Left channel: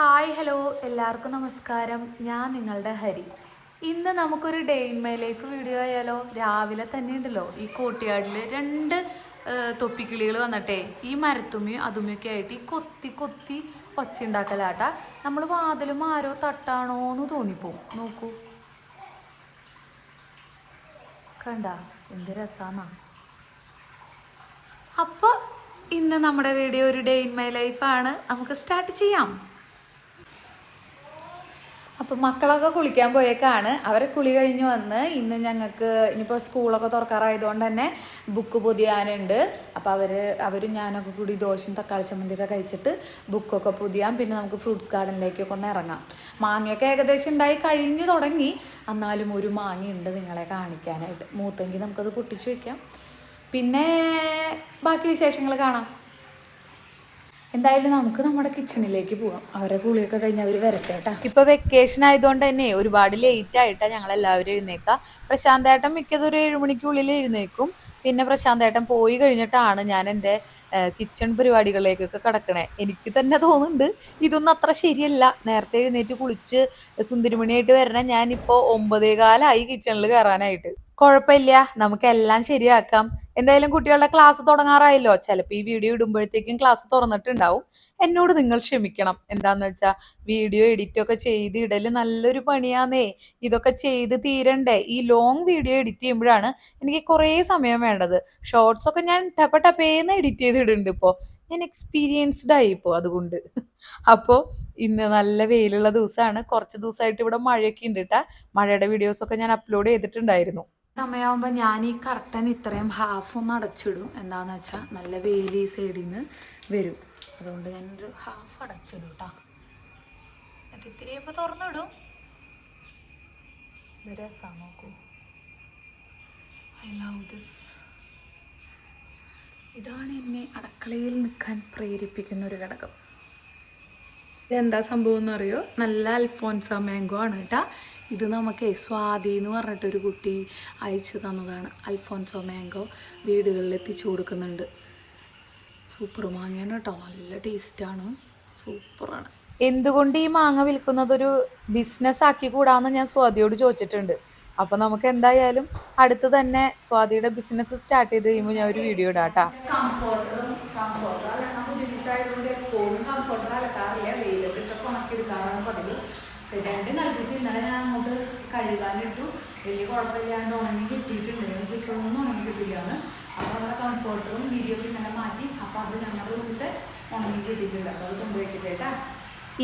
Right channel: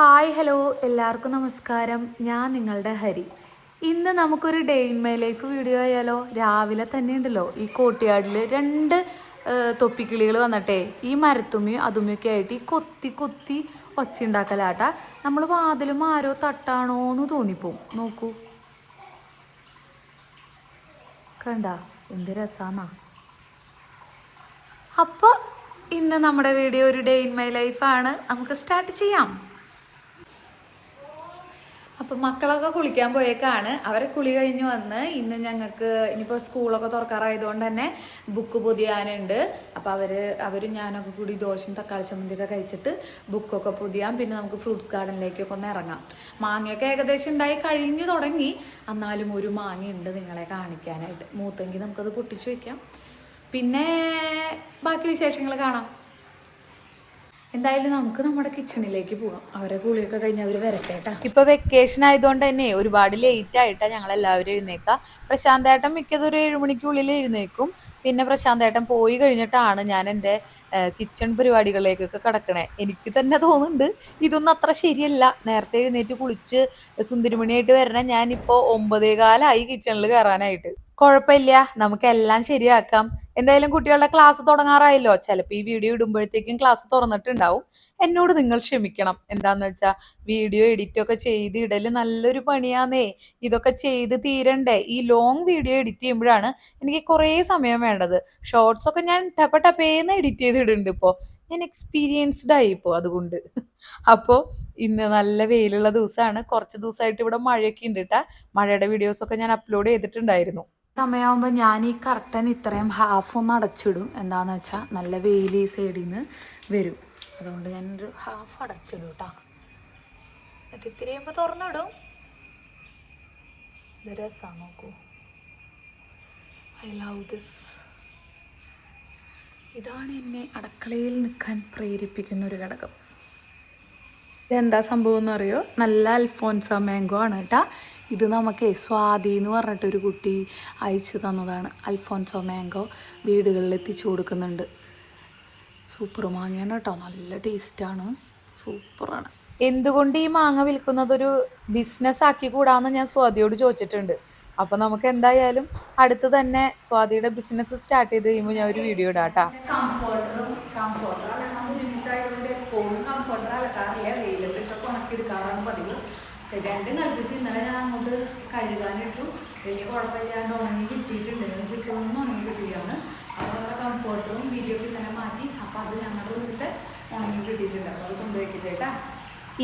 Hi hello എല്ലാവർക്കും നമസ്കാരം. ഞാൻ നിങ്ങളുടെ ഹരി. ഇന്ന് നമുക്കൊരു day in my life video ആയാലോ? രാവിലെ തന്നെ ഉണ്ടല്ലോ ഈ കോട്ടിയാടിൽ രണ്ട് തൊപ്പിക്കിളികൾ വന്നിട്ടേ ഈ മരത്തുമ്മയും അതുമ്മയൊക്കെ ആയിട്ട് ഈ കൊത്തി കൊത്തി ഒച്ച ഉണ്ടാക്കലാട്ടാ. നമ്മൾ വാതിലും ആരോ തട്ടാണോ എന്ന് തോന്നിപ്പോവും. നോക്കൂ, കണ്ട എന്ത് രസാന്നാ. അപ്പോൾ ഇന്ന് നമ്മുടെ വീഡിയോ ഒരു ഡേ ഇൻ മൈ ലൈഫാണ്. നമുക്ക് സ്റ്റാർട്ട് ചെയ്യാം. അപ്പം മക്കളൊക്കെ കുളിക്കാൻ പോയേക്കാണ്. അവരെ കുളി കഴിഞ്ഞ് വന്ന് ഇന്ന് ഞങ്ങൾക്ക് ഇനിയിപ്പോൾ സ്കൂളൊക്കെ തുറക്കാറായതുകൊണ്ട് തന്നെ ബുക്ക് പൊതിയാനുണ്ട്. അപ്പോൾ അവരും ഞാനൊക്കെ കൂടി ദോശയും തക്കാളി ചമ്മന്തിയൊക്കെ കഴിച്ചിട്ട് ബുക്കൊക്കെ പൊതിയാം. പിന്നെ നമുക്ക് ഫ്രൂട്ട്സ് ഗാർഡനിലേക്കൊക്കെ ഒന്ന് ഇറങ്ങാം. മാങ്ങയൊക്കെ ഏകദേശം ഉണ്ടായി കഴിഞ്ഞു തുടങ്ങി. എന്നാലും ഒരു മാങ്ങയുണ്ട് നിങ്ങളെ കാണിക്കാനായിട്ട്. മൂത്തെങ്കിൽ നമുക്കത് പൊട്ടിച്ച് വെക്കാം. പിന്നെ ബാക്കി വിശേഷങ്ങൾ കാണാം. എന്തായാലും നമുക്ക് നമ്മുടെ കിച്ചണിലേക്ക് പോകാം. അവരെ കുളിയൊക്കെ കഴിഞ്ഞ് അവർ വരട്ടേട്ടാ. ഇപ്പൊ വെക്കേഷൻ ആയതുകൊണ്ട് തന്നെ ഒരുപാട് ലേറ്റ് ആയിട്ടാ ഞങ്ങൾ എല്ലാവരും എഴുന്നേക്കുക. പ്രശാന്തേട്ടൻ മിക്കതൊരു 7 മണിക്കുള്ളിൽ എഴുന്നേക്കും. പിന്നെ പ്രശാന്തേട്ടൻ പോയി കഴിഞ്ഞിട്ടാണ് ഞാൻ എൻ്റെ കിച്ചൺ പരിപാടികളിലേക്കൊക്കെ കിടക്കണേ. എനിക്ക് തന്നെ തോന്നുന്നുണ്ട് ഇതൊന്നും അത്ര ശരിയല്ല. നേരത്തെ എഴുന്നേറ്റ് കുളിച്ച് സുന്ദരിമണിയായിട്ട് വരണ ഞാനിപ്പോൾ 9:15 കിച്ചണിൽ കയറാനായിട്ട്. കുഴപ്പമില്ല, നമുക്കെല്ലാം ശരിയാക്കാം. എന്തായാലും കുട്ടികളുടെ ക്ലാസ് തുടങ്ങാറായല്ലോ. ചിലപ്പോൾ ഈ വീഡിയോ ഇടുമ്പോഴത്തേക്കും ക്ലാസ് തുറന്നിട്ടുണ്ടാവും. എന്നോട് നിങ്ങൾ ക്ഷമിക്കണം. എന്താന്ന് വെച്ചാൽ വീഡിയോ എഡിറ്റ് ഒക്കെ ചെയ്ത് ഇടല് നല്ലൊരു പണിയാന്നേ. ഇതൊക്കെ ചെയ്ത് തീരണ്ടേ. ഈ ലോങ് വീഡിയോ എഡിറ്റ് ചെയ്യുമ്പോഴാണ് എനിക്ക് കുറേ സമയം വേണ്ടത്. ഷോർട്സ് ഒക്കെ ഞാൻ ടപ്പേന്ന് എഡിറ്റ് ചെയ്ത് ഇടുന്നുണ്ട്. ഇപ്പോൾ ഞാൻ എക്സ്പീരിയൻസ്ഡ് ആയി ഇപ്പോൾ അതുകൊണ്ട്. അപ്പോൾ ഇന്ന് നല്ല വെയിലുള്ള ദിവസമാണ്. കുറച്ച് ദിവസമായിട്ട് ഇവിടെ മഴയൊക്കെ ഉണ്ട് കേട്ടാ. മഴയുടെ വീഡിയോസൊക്കെ ഞാൻ അപ്ലോഡ് ചെയ്തിട്ടുണ്ടായിരുന്നു. സമയമാകുമ്പോൾ ഞാൻ ഈ കർട്ടൻ ഇത്രയും ഹാഫ് ഒന്ന് അടച്ചിടും. എന്താണെന്ന് വെച്ചാൽ നല്ല വെയിൽ ഈ സൈഡിൽ നിന്ന് വരും. അതുകൊണ്ട് ഞാനൊരു ഹാഫ് അടച്ചിടും കേട്ടോ. എന്നിട്ട് ഇത്തിരി കഴിയുമ്പോൾ തുറന്നിടും. ഇത് രസമാണ്, നോക്കൂ. I love this. ഇതാണ് എന്നെ അടുക്കളയിൽ നിൽക്കാൻ പ്രേരിപ്പിക്കുന്ന ഒരു ഘടകം. ഇതെന്താ സംഭവം എന്നറിയോ? നല്ല അൽഫോൻസ മാംഗോ ആണ് കേട്ടാ. ഇത് നമുക്ക് സ്വാതി എന്ന് പറഞ്ഞിട്ടൊരു കുട്ടി അയച്ചു തന്നതാണ്. അൽഫോൻസോ മാംഗോ വീടുകളിൽ എത്തിച്ചു കൊടുക്കുന്നുണ്ട്. സൂപ്പർ മാങ്ങയാണ് കേട്ടോ, നല്ല ടേസ്റ്റാണ്, സൂപ്പറാണ്. എന്തുകൊണ്ട് ഈ മാങ്ങ വിൽക്കുന്നതൊരു ബിസിനസ് ആക്കി കൂടാന്ന് ഞാൻ സ്വാതിയോട് ചോദിച്ചിട്ടുണ്ട്. അപ്പം നമുക്ക് എന്തായാലും അടുത്ത് തന്നെ സ്വാതിയുടെ ബിസിനസ് സ്റ്റാർട്ട് ചെയ്ത് കഴിയുമ്പോൾ ഞാൻ ഒരു വീഡിയോ ഇടാം കേട്ടോ. എപ്പോഴും കംഫർട്ടർ അലക്കാറില്ല, വെയിലത്തിട്ടൊക്കെ ഉണക്കിയെടുക്കാറാണ് പതിവ്. രണ്ടും കൽപ്പിച്ച് ഇന്നലെ ഞാൻ അങ്ങോട്ട് കഴുകാനിട്ടു. വലിയ കുഴപ്പമില്ലാണ്ട് ഉണങ്ങി കിട്ടിയിട്ടുണ്ട്. ഞാൻ ഇപ്പോഴൊന്നും ഉണങ്ങി കിട്ടില്ലാന്ന്. അപ്പോൾ നമ്മുടെ കംഫർട്ടറും വീഡിയോക്ക് ഇന്നലെ മാറ്റി. അപ്പോൾ അത് ഞങ്ങളുടെ വീട്ടിൽ ഉണങ്ങി കിട്ടിയിട്ടുണ്ട്. അപ്പോൾ അത് കൊണ്ടുവയ്ക്കട്ടേട്ടാ.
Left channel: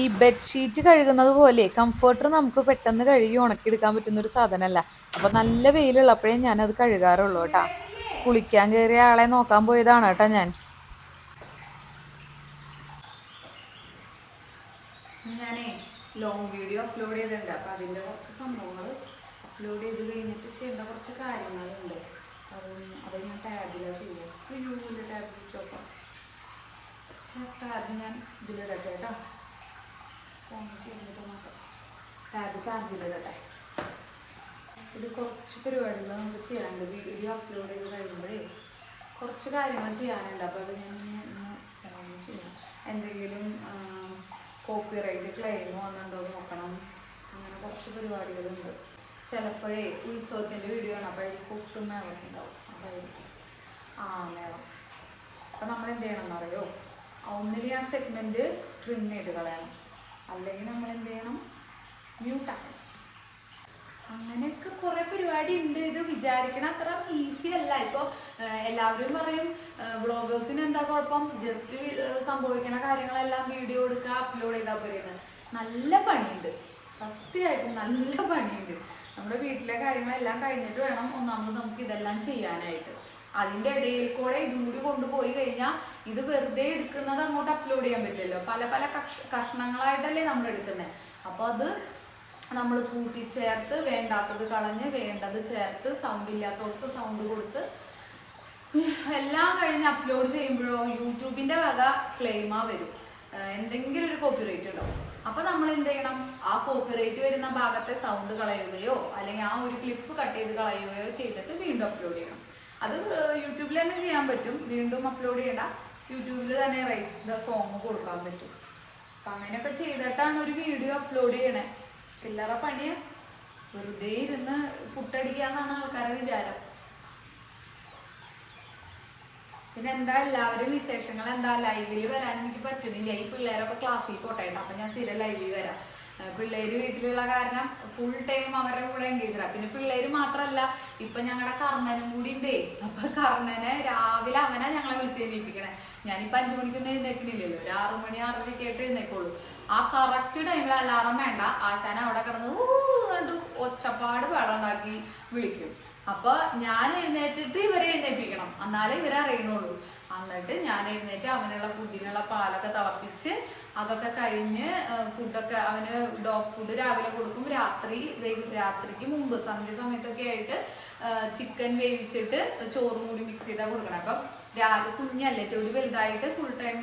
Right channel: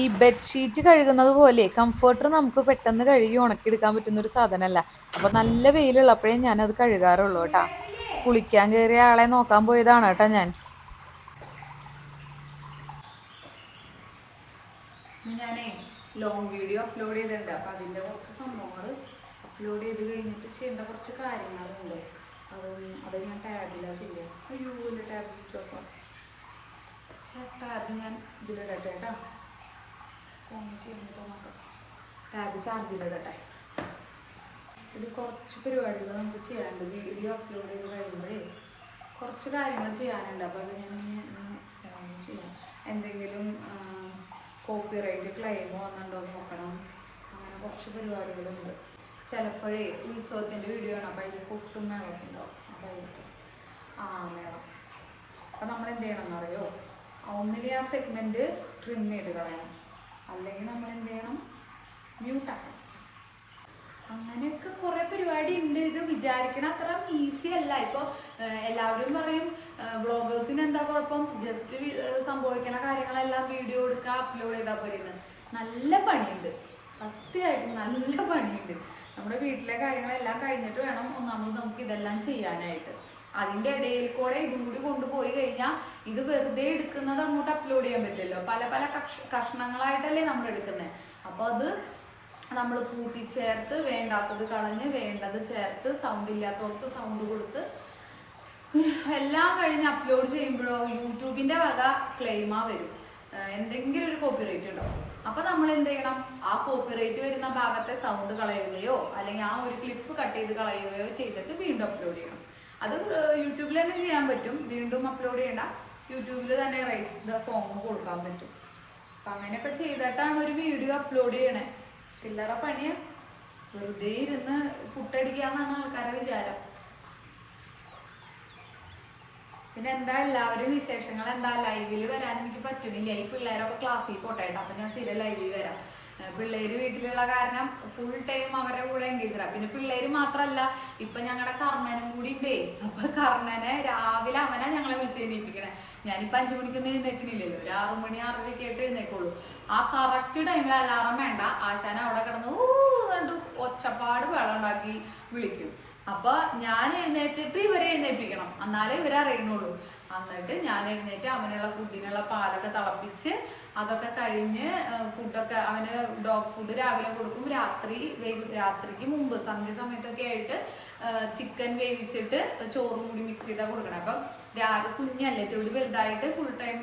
ഈ ബെഡ്ഷീറ്റ് കഴുകുന്നത് പോലെ കംഫർട്ടർ നമുക്ക് പെട്ടെന്ന് കഴുകി ഉണക്കിയെടുക്കാൻ പറ്റുന്ന ഒരു സാധനമല്ല. അപ്പോൾ നല്ല വെയിലുള്ളപ്പോഴേ ഞാനത് കഴുകാറുള്ളൂ കേട്ടാ. കുളിക്കാൻ കയറിയ ആളെ നോക്കാൻ പോയതാണ് കേട്ടോ ഞാൻ. ഞാനേ ലോങ് വീഡിയോ അപ്ലോഡ് ചെയ്തിട്ടുണ്ട്. അപ്പോൾ അതിൻ്റെ കുറച്ച് സംഭവങ്ങൾ അപ്ലോഡ് ചെയ്ത് കഴിഞ്ഞിട്ട് ചെയ്യേണ്ട കുറച്ച് കാര്യങ്ങളുണ്ട്. അത് ഞാൻ ടാബിലാണ് ചെയ്യാം. അയ്യോ ഇല്ല, ടാബ് ചോക്കാം. ടാബ് ഞാൻ ഇതിലിടട്ടെ കേട്ടോ. ഫോൺ ചെയ്യാൻ നോക്കാം. ടാബ് ചാർജിലിടട്ടെ. ഇത് കുറച്ച് പരിപാടികൾ നമുക്ക് ചെയ്യാനുണ്ട്. വീഡിയോ അപ്ലോഡ് ചെയ്ത് കഴിയുമ്പോഴേ കുറച്ച് കാര്യങ്ങൾ ചെയ്യാനുണ്ട്. അപ്പോൾ അത് ഞാൻ ഇന്ന് ചെയ്യാം. എന്തെങ്കിലും കോപ്പിറൈറ്റ് ക്ലെയിം വന്നിട്ടുണ്ടോ നോക്കണം. അങ്ങനെ കുറച്ച് പരിപാടികളുണ്ട്. ചിലപ്പോഴേ ഉത്സവത്തിൻ്റെ വീഡിയോ ആണ്. അപ്പോൾ അതിൽ കൊട്ടും മേളമൊക്കെ ഉണ്ടാവും. അപ്പോൾ അതിലേക്ക് മേളം. അപ്പം നമ്മൾ എന്ത് ചെയ്യണം എന്നറിയോ? ഒന്നിൽ ആ സെഗ്മെൻറ്റ് ട്രിം ചെയ്ത് കളയണം. അല്ലെങ്കിൽ നമ്മൾ എന്ത് ചെയ്യണം? മ്യൂട്ടാക്കണം. അങ്ങനെയൊക്കെ കുറേ പരിപാടി ഉണ്ട്. ഇത് വിചാരിക്കണ അത്ര ഈസി അല്ല. ഇപ്പോൾ എല്ലാവരും പറയും വ്ളോഗേഴ്സിന് എന്താ കുഴപ്പം, ജസ്റ്റ് സംഭവിക്കണ കാര്യങ്ങളെല്ലാം വീഡിയോ എടുക്കുക, അപ്ലോഡ് ചെയ്താൽ പോരുന്നത്. നല്ല പണിയുണ്ട്, സത്യമായിട്ടും നല്ല പണിയുണ്ട്. നമ്മുടെ വീട്ടിലെ കാര്യങ്ങളെല്ലാം കഴിഞ്ഞിട്ട് വേണം ഒന്നാമത് നമുക്ക് ഇതെല്ലാം ചെയ്യാനായിട്ട്. അതിൻ്റെ ഇടയിൽ കൂടെ ഇതും കൂടി കൊണ്ടുപോയി കഴിഞ്ഞാൽ ഇത് വെറുതെ എടുക്കുന്നത് അങ്ങോട്ട് അപ്ലോഡ് ചെയ്യാൻ പറ്റില്ലല്ലോ. പല പല കഷ്ണങ്ങളായിട്ടല്ലേ നമ്മൾ എടുക്കുന്നത്. അപ്പോൾ അത് നമ്മൾ കൂട്ടിച്ചേർത്ത് വേണ്ടാത്തത് കളഞ്ഞ് വേണ്ടത് ചേർത്ത് സൗണ്ട് ഇല്ലാത്തവർക്ക് സൗണ്ട് കൊടുത്ത് എല്ലാം കഴിഞ്ഞ് അപ്ലോഡ് ചെയ്യുമ്പോഴോ യൂട്യൂബിൻ്റെ വക ക്ലെയിമാ വരും. എന്തെങ്കിലും ഒരു കോപ്പിറൈറ്റ് ഉണ്ടാവും. അപ്പോൾ നമ്മൾ എന്ത് ചെയ്യണം? ആ കോപ്പിറൈറ്റ് വരുന്ന ഭാഗത്തെ സൗണ്ട് കളയുകയോ അല്ലെങ്കിൽ ആ ഒരു ക്ലിപ്പ് കട്ട് ചെയ്ത് കളയുകയോ ചെയ്തിട്ട് വീണ്ടും അപ്ലോഡ് ചെയ്യണം. അത് യൂട്യൂബിൽ തന്നെ ചെയ്യാൻ പറ്റും. വീണ്ടും അപ്ലോഡ് ചെയ്യണ്ട, യൂട്യൂബിൽ തന്നെ റൈസ് ദ സോങ് കൊടുക്കാൻ പറ്റും. അപ്പൊ അങ്ങനെയൊക്കെ ചെയ്തിട്ടാണ് ഒരു വീഡിയോ അപ്ലോഡ് ചെയ്യണേ. ചില്ലറ പണിയ, വെറുതെ ഇരുന്ന് പുട്ടടിക്കാന്നാണ് ആൾക്കാരുടെ വിചാരം. പിന്നെ എന്താ എല്ലാവരും വിശേഷങ്ങൾ എന്താ? ലൈവിൽ വരാൻ എനിക്ക് പറ്റുന്നില്ല, ഈ പിള്ളേരൊക്കെ ക്ലാസ്സിൽ പോട്ടായിട്ട്. അപ്പൊ ഞാൻ സ്ഥിരം ലൈവിൽ വരാം. പിള്ളേര് വീട്ടിലുള്ള കാരണം ഫുൾ ടൈം അവരുടെ കൂടെ എൻഗേജാ. പിന്നെ പിള്ളേര് മാത്രല്ല, ഇപ്പൊ ഞങ്ങളുടെ കർണനും കൂടി ഉണ്ടേ. അപ്പൊ കർണനെ രാവിലെ അവനാ ഞങ്ങളെ വിളിച്ച് എഴുന്നേൽപ്പിക്കണേ. ഞാനിപ്പോ 5 മണിക്കൊന്നും എഴുന്നേൽക്കുന്നില്ലല്ലോ, ഒരു 6 മണി 6:30 ആയിട്ട് എഴുന്നേക്കുള്ളൂ. ആ കറക്റ്റ് ടൈമിൽ അലാറം വേണ്ട, ആശാന അവിടെ കിടന്ന് കണ്ടു ഒച്ചപ്പാട് വെള്ളം ഉണ്ടാക്കി വിളിക്കും. അപ്പൊ ഞാൻ എഴുന്നേറ്റിട്ട് ഇവരെ എഴുന്നേൽപ്പിക്കണം, എന്നാലേ ഇവരെ അറിയണുള്ളൂ. എന്നിട്ട് ഞാൻ എഴുന്നേറ്റ് അവനുള്ള ഫുഡിനുള്ള പാലൊക്കെ തിളപ്പിച്ച് അതൊക്കെ കഴിഞ്ഞ് ഫുഡൊക്കെ അവന് ഡോഗ് ഫുഡ് രാവിലെ കൊടുക്കും. രാത്രിക്ക് മുമ്പ് സന്ധ്യ സമയത്തൊക്കെ ആയിട്ട് ചിക്കൻ വേവിച്ചിട്ട് ചോറും കൂടി മിക്സ് ചെയ്താൽ കൊടുക്കണം. അപ്പം രാവിലെ കുഞ്ഞല്ലേ, തൊടി വലുതായിട്ട് ഫുൾ ടൈം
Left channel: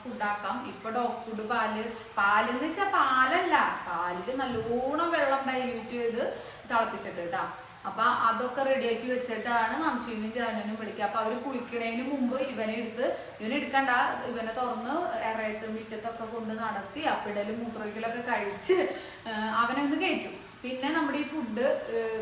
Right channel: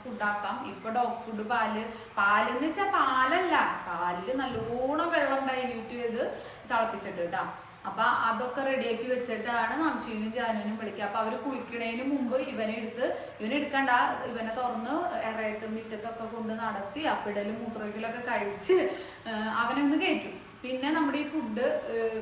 ഫുഡാക്കാം. ഇപ്പൊ ഡോഗ് ഫുഡ് പാലെന്ന് വെച്ചാൽ പാലല്ല, പാലില് നല്ലോണം വെള്ളം ഡൈല്യൂട്ട് ചെയ്ത് തിളപ്പിച്ചിട്ട് കേട്ടാ. അപ്പൊ അതൊക്കെ റെഡിയാക്കി വെച്ചിട്ടാണ് നംശീനും ജാനുനും വിളിക്കുക. അപ്പൊ അവര് കുളിക്കണേന് മുമ്പ് ഇവനെ എടുക്കണ്ട, ഇവനെ തുറന്ന് ഇറയത്തും മുറ്റത്തൊക്കെ കൊണ്ട് നടത്തി അപ്പിടലും മൂത്രമൊഴിക്കലൊക്കെ കഴിച്ച് അവനെ ഒന്ന് കയറ്റും. പിന്നെ നമ്മുടെ ഈ ഫുഡ്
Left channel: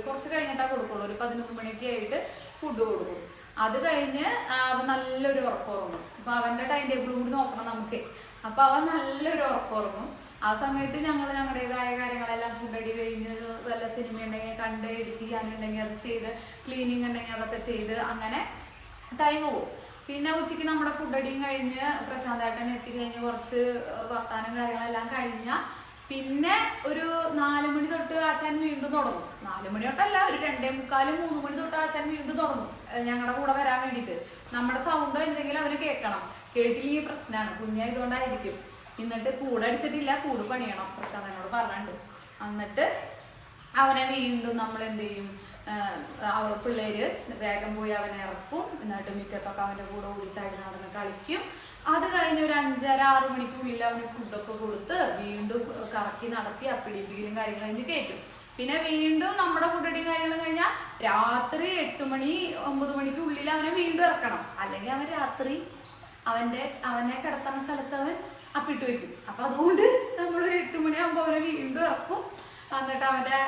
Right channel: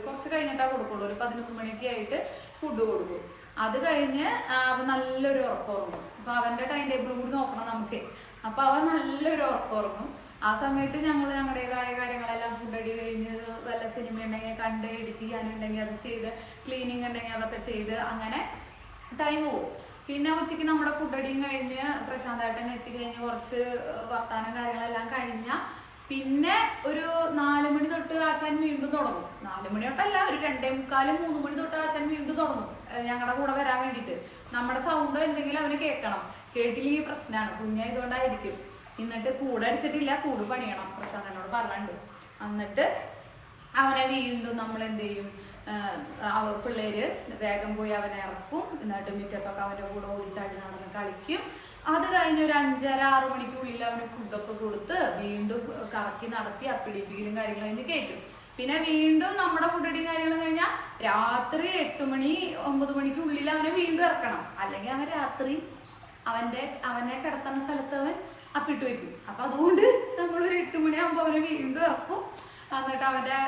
കുറച്ച് കഴിഞ്ഞിട്ടാ കൊടുക്കുള്ളൂ, ഒരു 11 മണിയൊക്കെ ആയിട്ട് ഫുഡ് കൊടുക്കും. അത് കഴിഞ്ഞ് അവൻ നല്ലൊരു ഉറക്കം ഉറങ്ങും. അപ്പൊ അവന്റെ ടൈം ടേബിളും കൂടി നോക്കണം നമുക്ക്. അപ്പൊ അവൻ നല്ലൊരു ഉറക്കം ഉറങ്ങും. ആ സമയത്ത് ഞങ്ങൾ ഞങ്ങളുടേതായ കാര്യങ്ങളെല്ലാം ഫുഡടി കഴിഞ്ഞ് വല്ല സിനിമ ഉണ്ടെങ്കിൽ കണ്ട്, എഡിറ്റ് ചെയ്യാനുണ്ടെങ്കിൽ അത് ചെയ്ത്, ക്ലീനിങ് ഉണ്ടെങ്കിൽ അതൊക്കെ ചെയ്ത് അങ്ങനെ ടൈം പോകും. പിന്നെ ഉച്ചയ്ക്ക് നമ്മുടെ ഫുഡടിയും കഴിഞ്ഞ് പ്രശാന്തേട്ടൻ എത്തിക്കഴിഞ്ഞ് കുറച്ച് വർത്താനം കാര്യങ്ങളെല്ലാം കഴിഞ്ഞാൽ പിന്നെ ഒരു 4 മണി തൊട്ട് ആശാൻ വീണ്ടും തുടങ്ങും. 4 മണി തൊട്ടല്ല, ഒരു 2:45 3 മണി തൊട്ട് ആശാൻ വീണ്ടും തുടങ്ങും ഞങ്ങളുടെ കൂടെ വരാൻ വേണ്ടിയിട്ട്. നമ്മുടെ സൗണ്ടോ എന്തെങ്കിലും അവന് കേൾക്കണം, കേട്ടില്ലെങ്കിൽ പ്രശ്നമാണ്, കുഞ്ഞായതുകൊണ്ടായിരിക്കും. എന്നിട്ട് കൂട് അടിച്ചിട്ടില്ല, കൂട് പണിയണം, പ്രശാന്തനോട് പറഞ്ഞിട്ടുണ്ട്. എന്നിട്ട് അവനെ വീണ്ടും നമ്മൾ എന്ത് ചെയ്യും, പിള്ളേര് വേഗം പോയി അവനെ ഇറക്കും. എന്നിട്ട് മുറ്റത്തൊക്കെ അവൻ്റെ കൂടെ ഓടിച്ചാടി നടന്ന് കളിക്കും. അത് കഴിഞ്ഞ് ഒരു 5:30 6 മണിക്കുള്ളിൽ അവന് ഫുഡൊക്കെ കൊടുത്ത് വീണ്ടും കറക്കി നടത്തി അപ്പിടിപ്പിക്കലും കാര്യങ്ങളും അതിന് കയറ്റും. പിന്നെ വീണ്ടും നമ്മുടെ ഫുഡടിയും കാര്യങ്ങളും കഴിഞ്ഞാൽ രാത്രി 8 മണി 9 മണിക്കുള്ളിൽ അവനെ വീണ്ടും ഇറക്കണം. അല്ലെങ്കിൽ അവൻ രാത്രി അവനെ കിടത്തുന്ന സ്ഥലത്ത് അവൻ അപ്പിട്ട് വെക്കും. അപ്പൊ അതുകൊണ്ട് നമ്മളൊരു 8 മണിയാകുമ്പോൾ അവനെ വീണ്ടും ഇറക്കും. എന്നിട്ട് അവന്റെ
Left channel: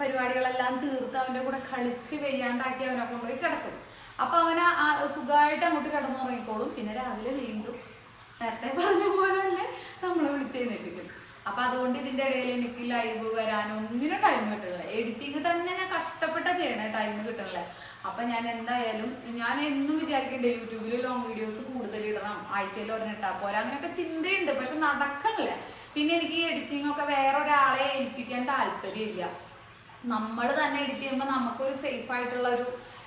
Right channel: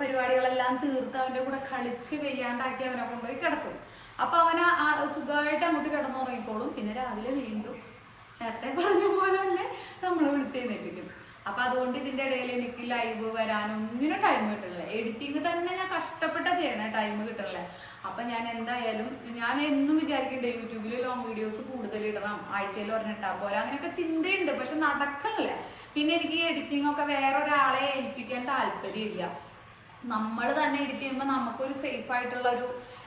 പരിപാടികളെല്ലാം തീർത്ത് അവന്റെ കൂടെ കളിച്ച് വെയ്യാണ്ടാക്കി അവനെ കൊണ്ടുപോയി കിടത്തും. അപ്പൊ അവനെ സുഖമായിട്ട് അങ്ങോട്ട് കിടന്നുറങ്ങിക്കോളും. പിന്നെ രാവിലെ വീണ്ടും നേരത്തെ പറഞ്ഞ പോലെ തന്നെ നമ്മളെ വിളിച്ചെഴുന്നേൽപ്പിക്കും. അപ്പൊ അതുകൊണ്ട് ഇതിന്റെ ഇടയിൽ എനിക്ക് ലൈവ് വരാനൊന്നിനും ടൈം കിട്ടണില്ല. എഡിറ്റിങ് തന്നെ ഞാൻ കഷ്ടപ്പെട്ട ചെയ്യണേ, ടൈം കിട്ടണില്ല. അപ്പൊ ഞാൻ എന്തായാലും ഞാൻ എന്നും വിചാരിക്കണ്ടേ യൂട്യൂബിൽ ലോങ് വീഡിയോസ് കൂടുതൽ ഇടണം, ആഴ്ചയിൽ ഒരെണ്ണിട്ടാ പോരാ, അങ്ങനെയൊക്കെ ചിന്തയുണ്ട്. പക്ഷെ നടക്കണില്ല. പിന്നെ എനിക്ക് ഈ എഡിറ്റിംഗ് ഒക്കെ വേറെ ഒരാളെ ഏൽപ്പിക്കാൻ താല്പര്യമില്ല. നമ്മൾ തന്നെ എഡിറ്റ് ചെയ്യുമ്പോൾ നമുക്കൊരു സേഫ് ആയിട്ടുള്ള ഒരു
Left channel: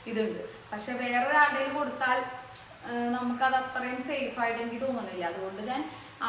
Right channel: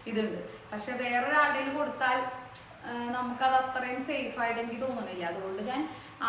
ഇതുണ്ട്. പക്ഷെ വേറൊരാളുടെ കൊടുത്താൽ നമുക്കത് അത്രയും സേഫ് ആയിട്ട് എനിക്ക് തോന്നുന്നില്ല. അതുകൊണ്ട് ഞാൻ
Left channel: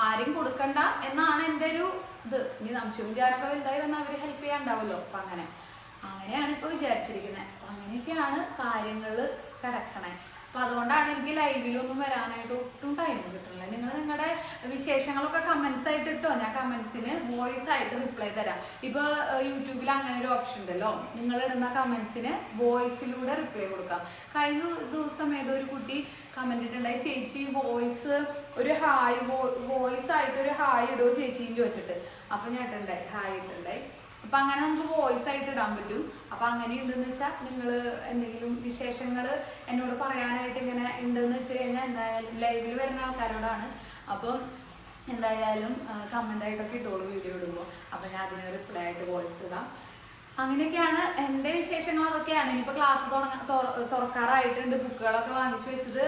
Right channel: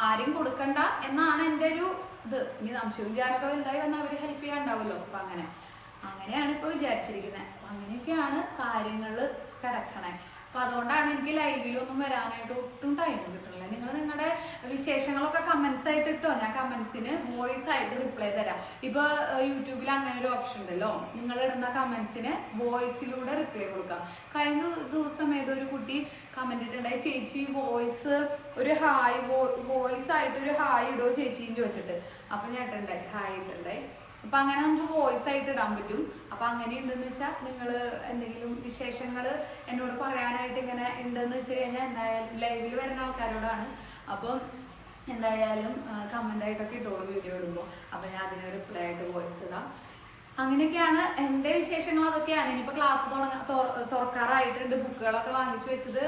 ആരും കൊടുക്കണ്ട എന്നാണ് എൻ്റെ ഒരു ഇത്. ഇനി സംശയവും ഞാനൊക്കെ വലുതായി വന്നാൽ അവർ ഹെൽപ്പ് ചെയ്യാണ്ടാവുമല്ലോ. അപ്പൊ അങ്ങനെയാണ് ഇപ്പൊ വിചാരിച്ചിരിക്കുന്നത്. അപ്പൊ അങ്ങനെയൊക്കെയാണ് കാര്യങ്ങൾ കിടക്കണേ. അപ്പൊ അതുകൊണ്ടാണ് എനിക്ക് ലൈവിലൊന്നും വരാനായിട്ട് ഒട്ടും ടൈം കിട്ടുന്നില്ല. നിങ്ങൾ നിങ്ങളുടെ വിശേഷങ്ങളൊക്കെ കമന്റ്സ് ആയിട്ട് ഇട്ടോ, ഞാൻ കമന്റ്സിന് വോയിസ് ആയിട്ട് റിപ്ലൈ തരാം. ഇപ്പൊ യൂട്യൂബിൽ അങ്ങനെ ഒരു ഓപ്ഷൻ ഉണ്ടല്ലോ, നിങ്ങൾ ഇടുന്ന കമന്റ്സിന് വോയിസിലൂടെ റിപ്ലൈ കൊടുക്കാം. കഴിഞ്ഞ ദിവസം ഏതൊരു കുട്ടി കമന്റ് ഇട്ടുണ്ടായി, ചേച്ചി വോയിസ് ഒരു ഹായ് വോയിസ് ആയിട്ട് ഒരു ഹായ് ഇടോ ചേച്ചിന്ന് ചോദിച്ചിട്ട്. അപ്പൊ ഞാൻ ഇട്ടുണ്ടായി, ഹായ് ഇട്ടുണ്ടായി. അപ്പൊ അങ്ങനെ നമുക്ക് വോയിസ് ആയിട്ട് ഇടാൻ പറ്റും. അപ്പൊ അങ്ങനെ ഉണ്ടെന്ന് വെച്ചാൽ നിങ്ങൾ എന്തെങ്കിലും വിശേഷങ്ങൾ എന്നോട് പറയാനായിട്ട് ഇങ്ങനെ ഉണ്ടെന്ന് വെച്ച് കഴിഞ്ഞാൽ എന്തായാലും ലൈവിൽ വരുന്ന ആൾക്കാരോടാണ്. അപ്പം എന്തായാലും കമന്റ് ആയിട്ടൊക്കെ ഇട്ടോളൂ വീഡിയോ ഇടുമ്പോൾ. അപ്പൊ ഞാൻ അതിന് റിപ്ലൈ ആയിട്ട് വോയിസ് ഇടാം. അങ്ങനെയൊക്കെയാണ് എൻ്റെ വിശേഷങ്ങൾ. അതൊക്കെയാണ്. ഇനിയിപ്പോൾ ക്ലാസ് തുറക്കാറായിട്ടുണ്ട്. ബുക്കുകളൊക്കെ വാങ്ങിച്ചു വെച്ചത്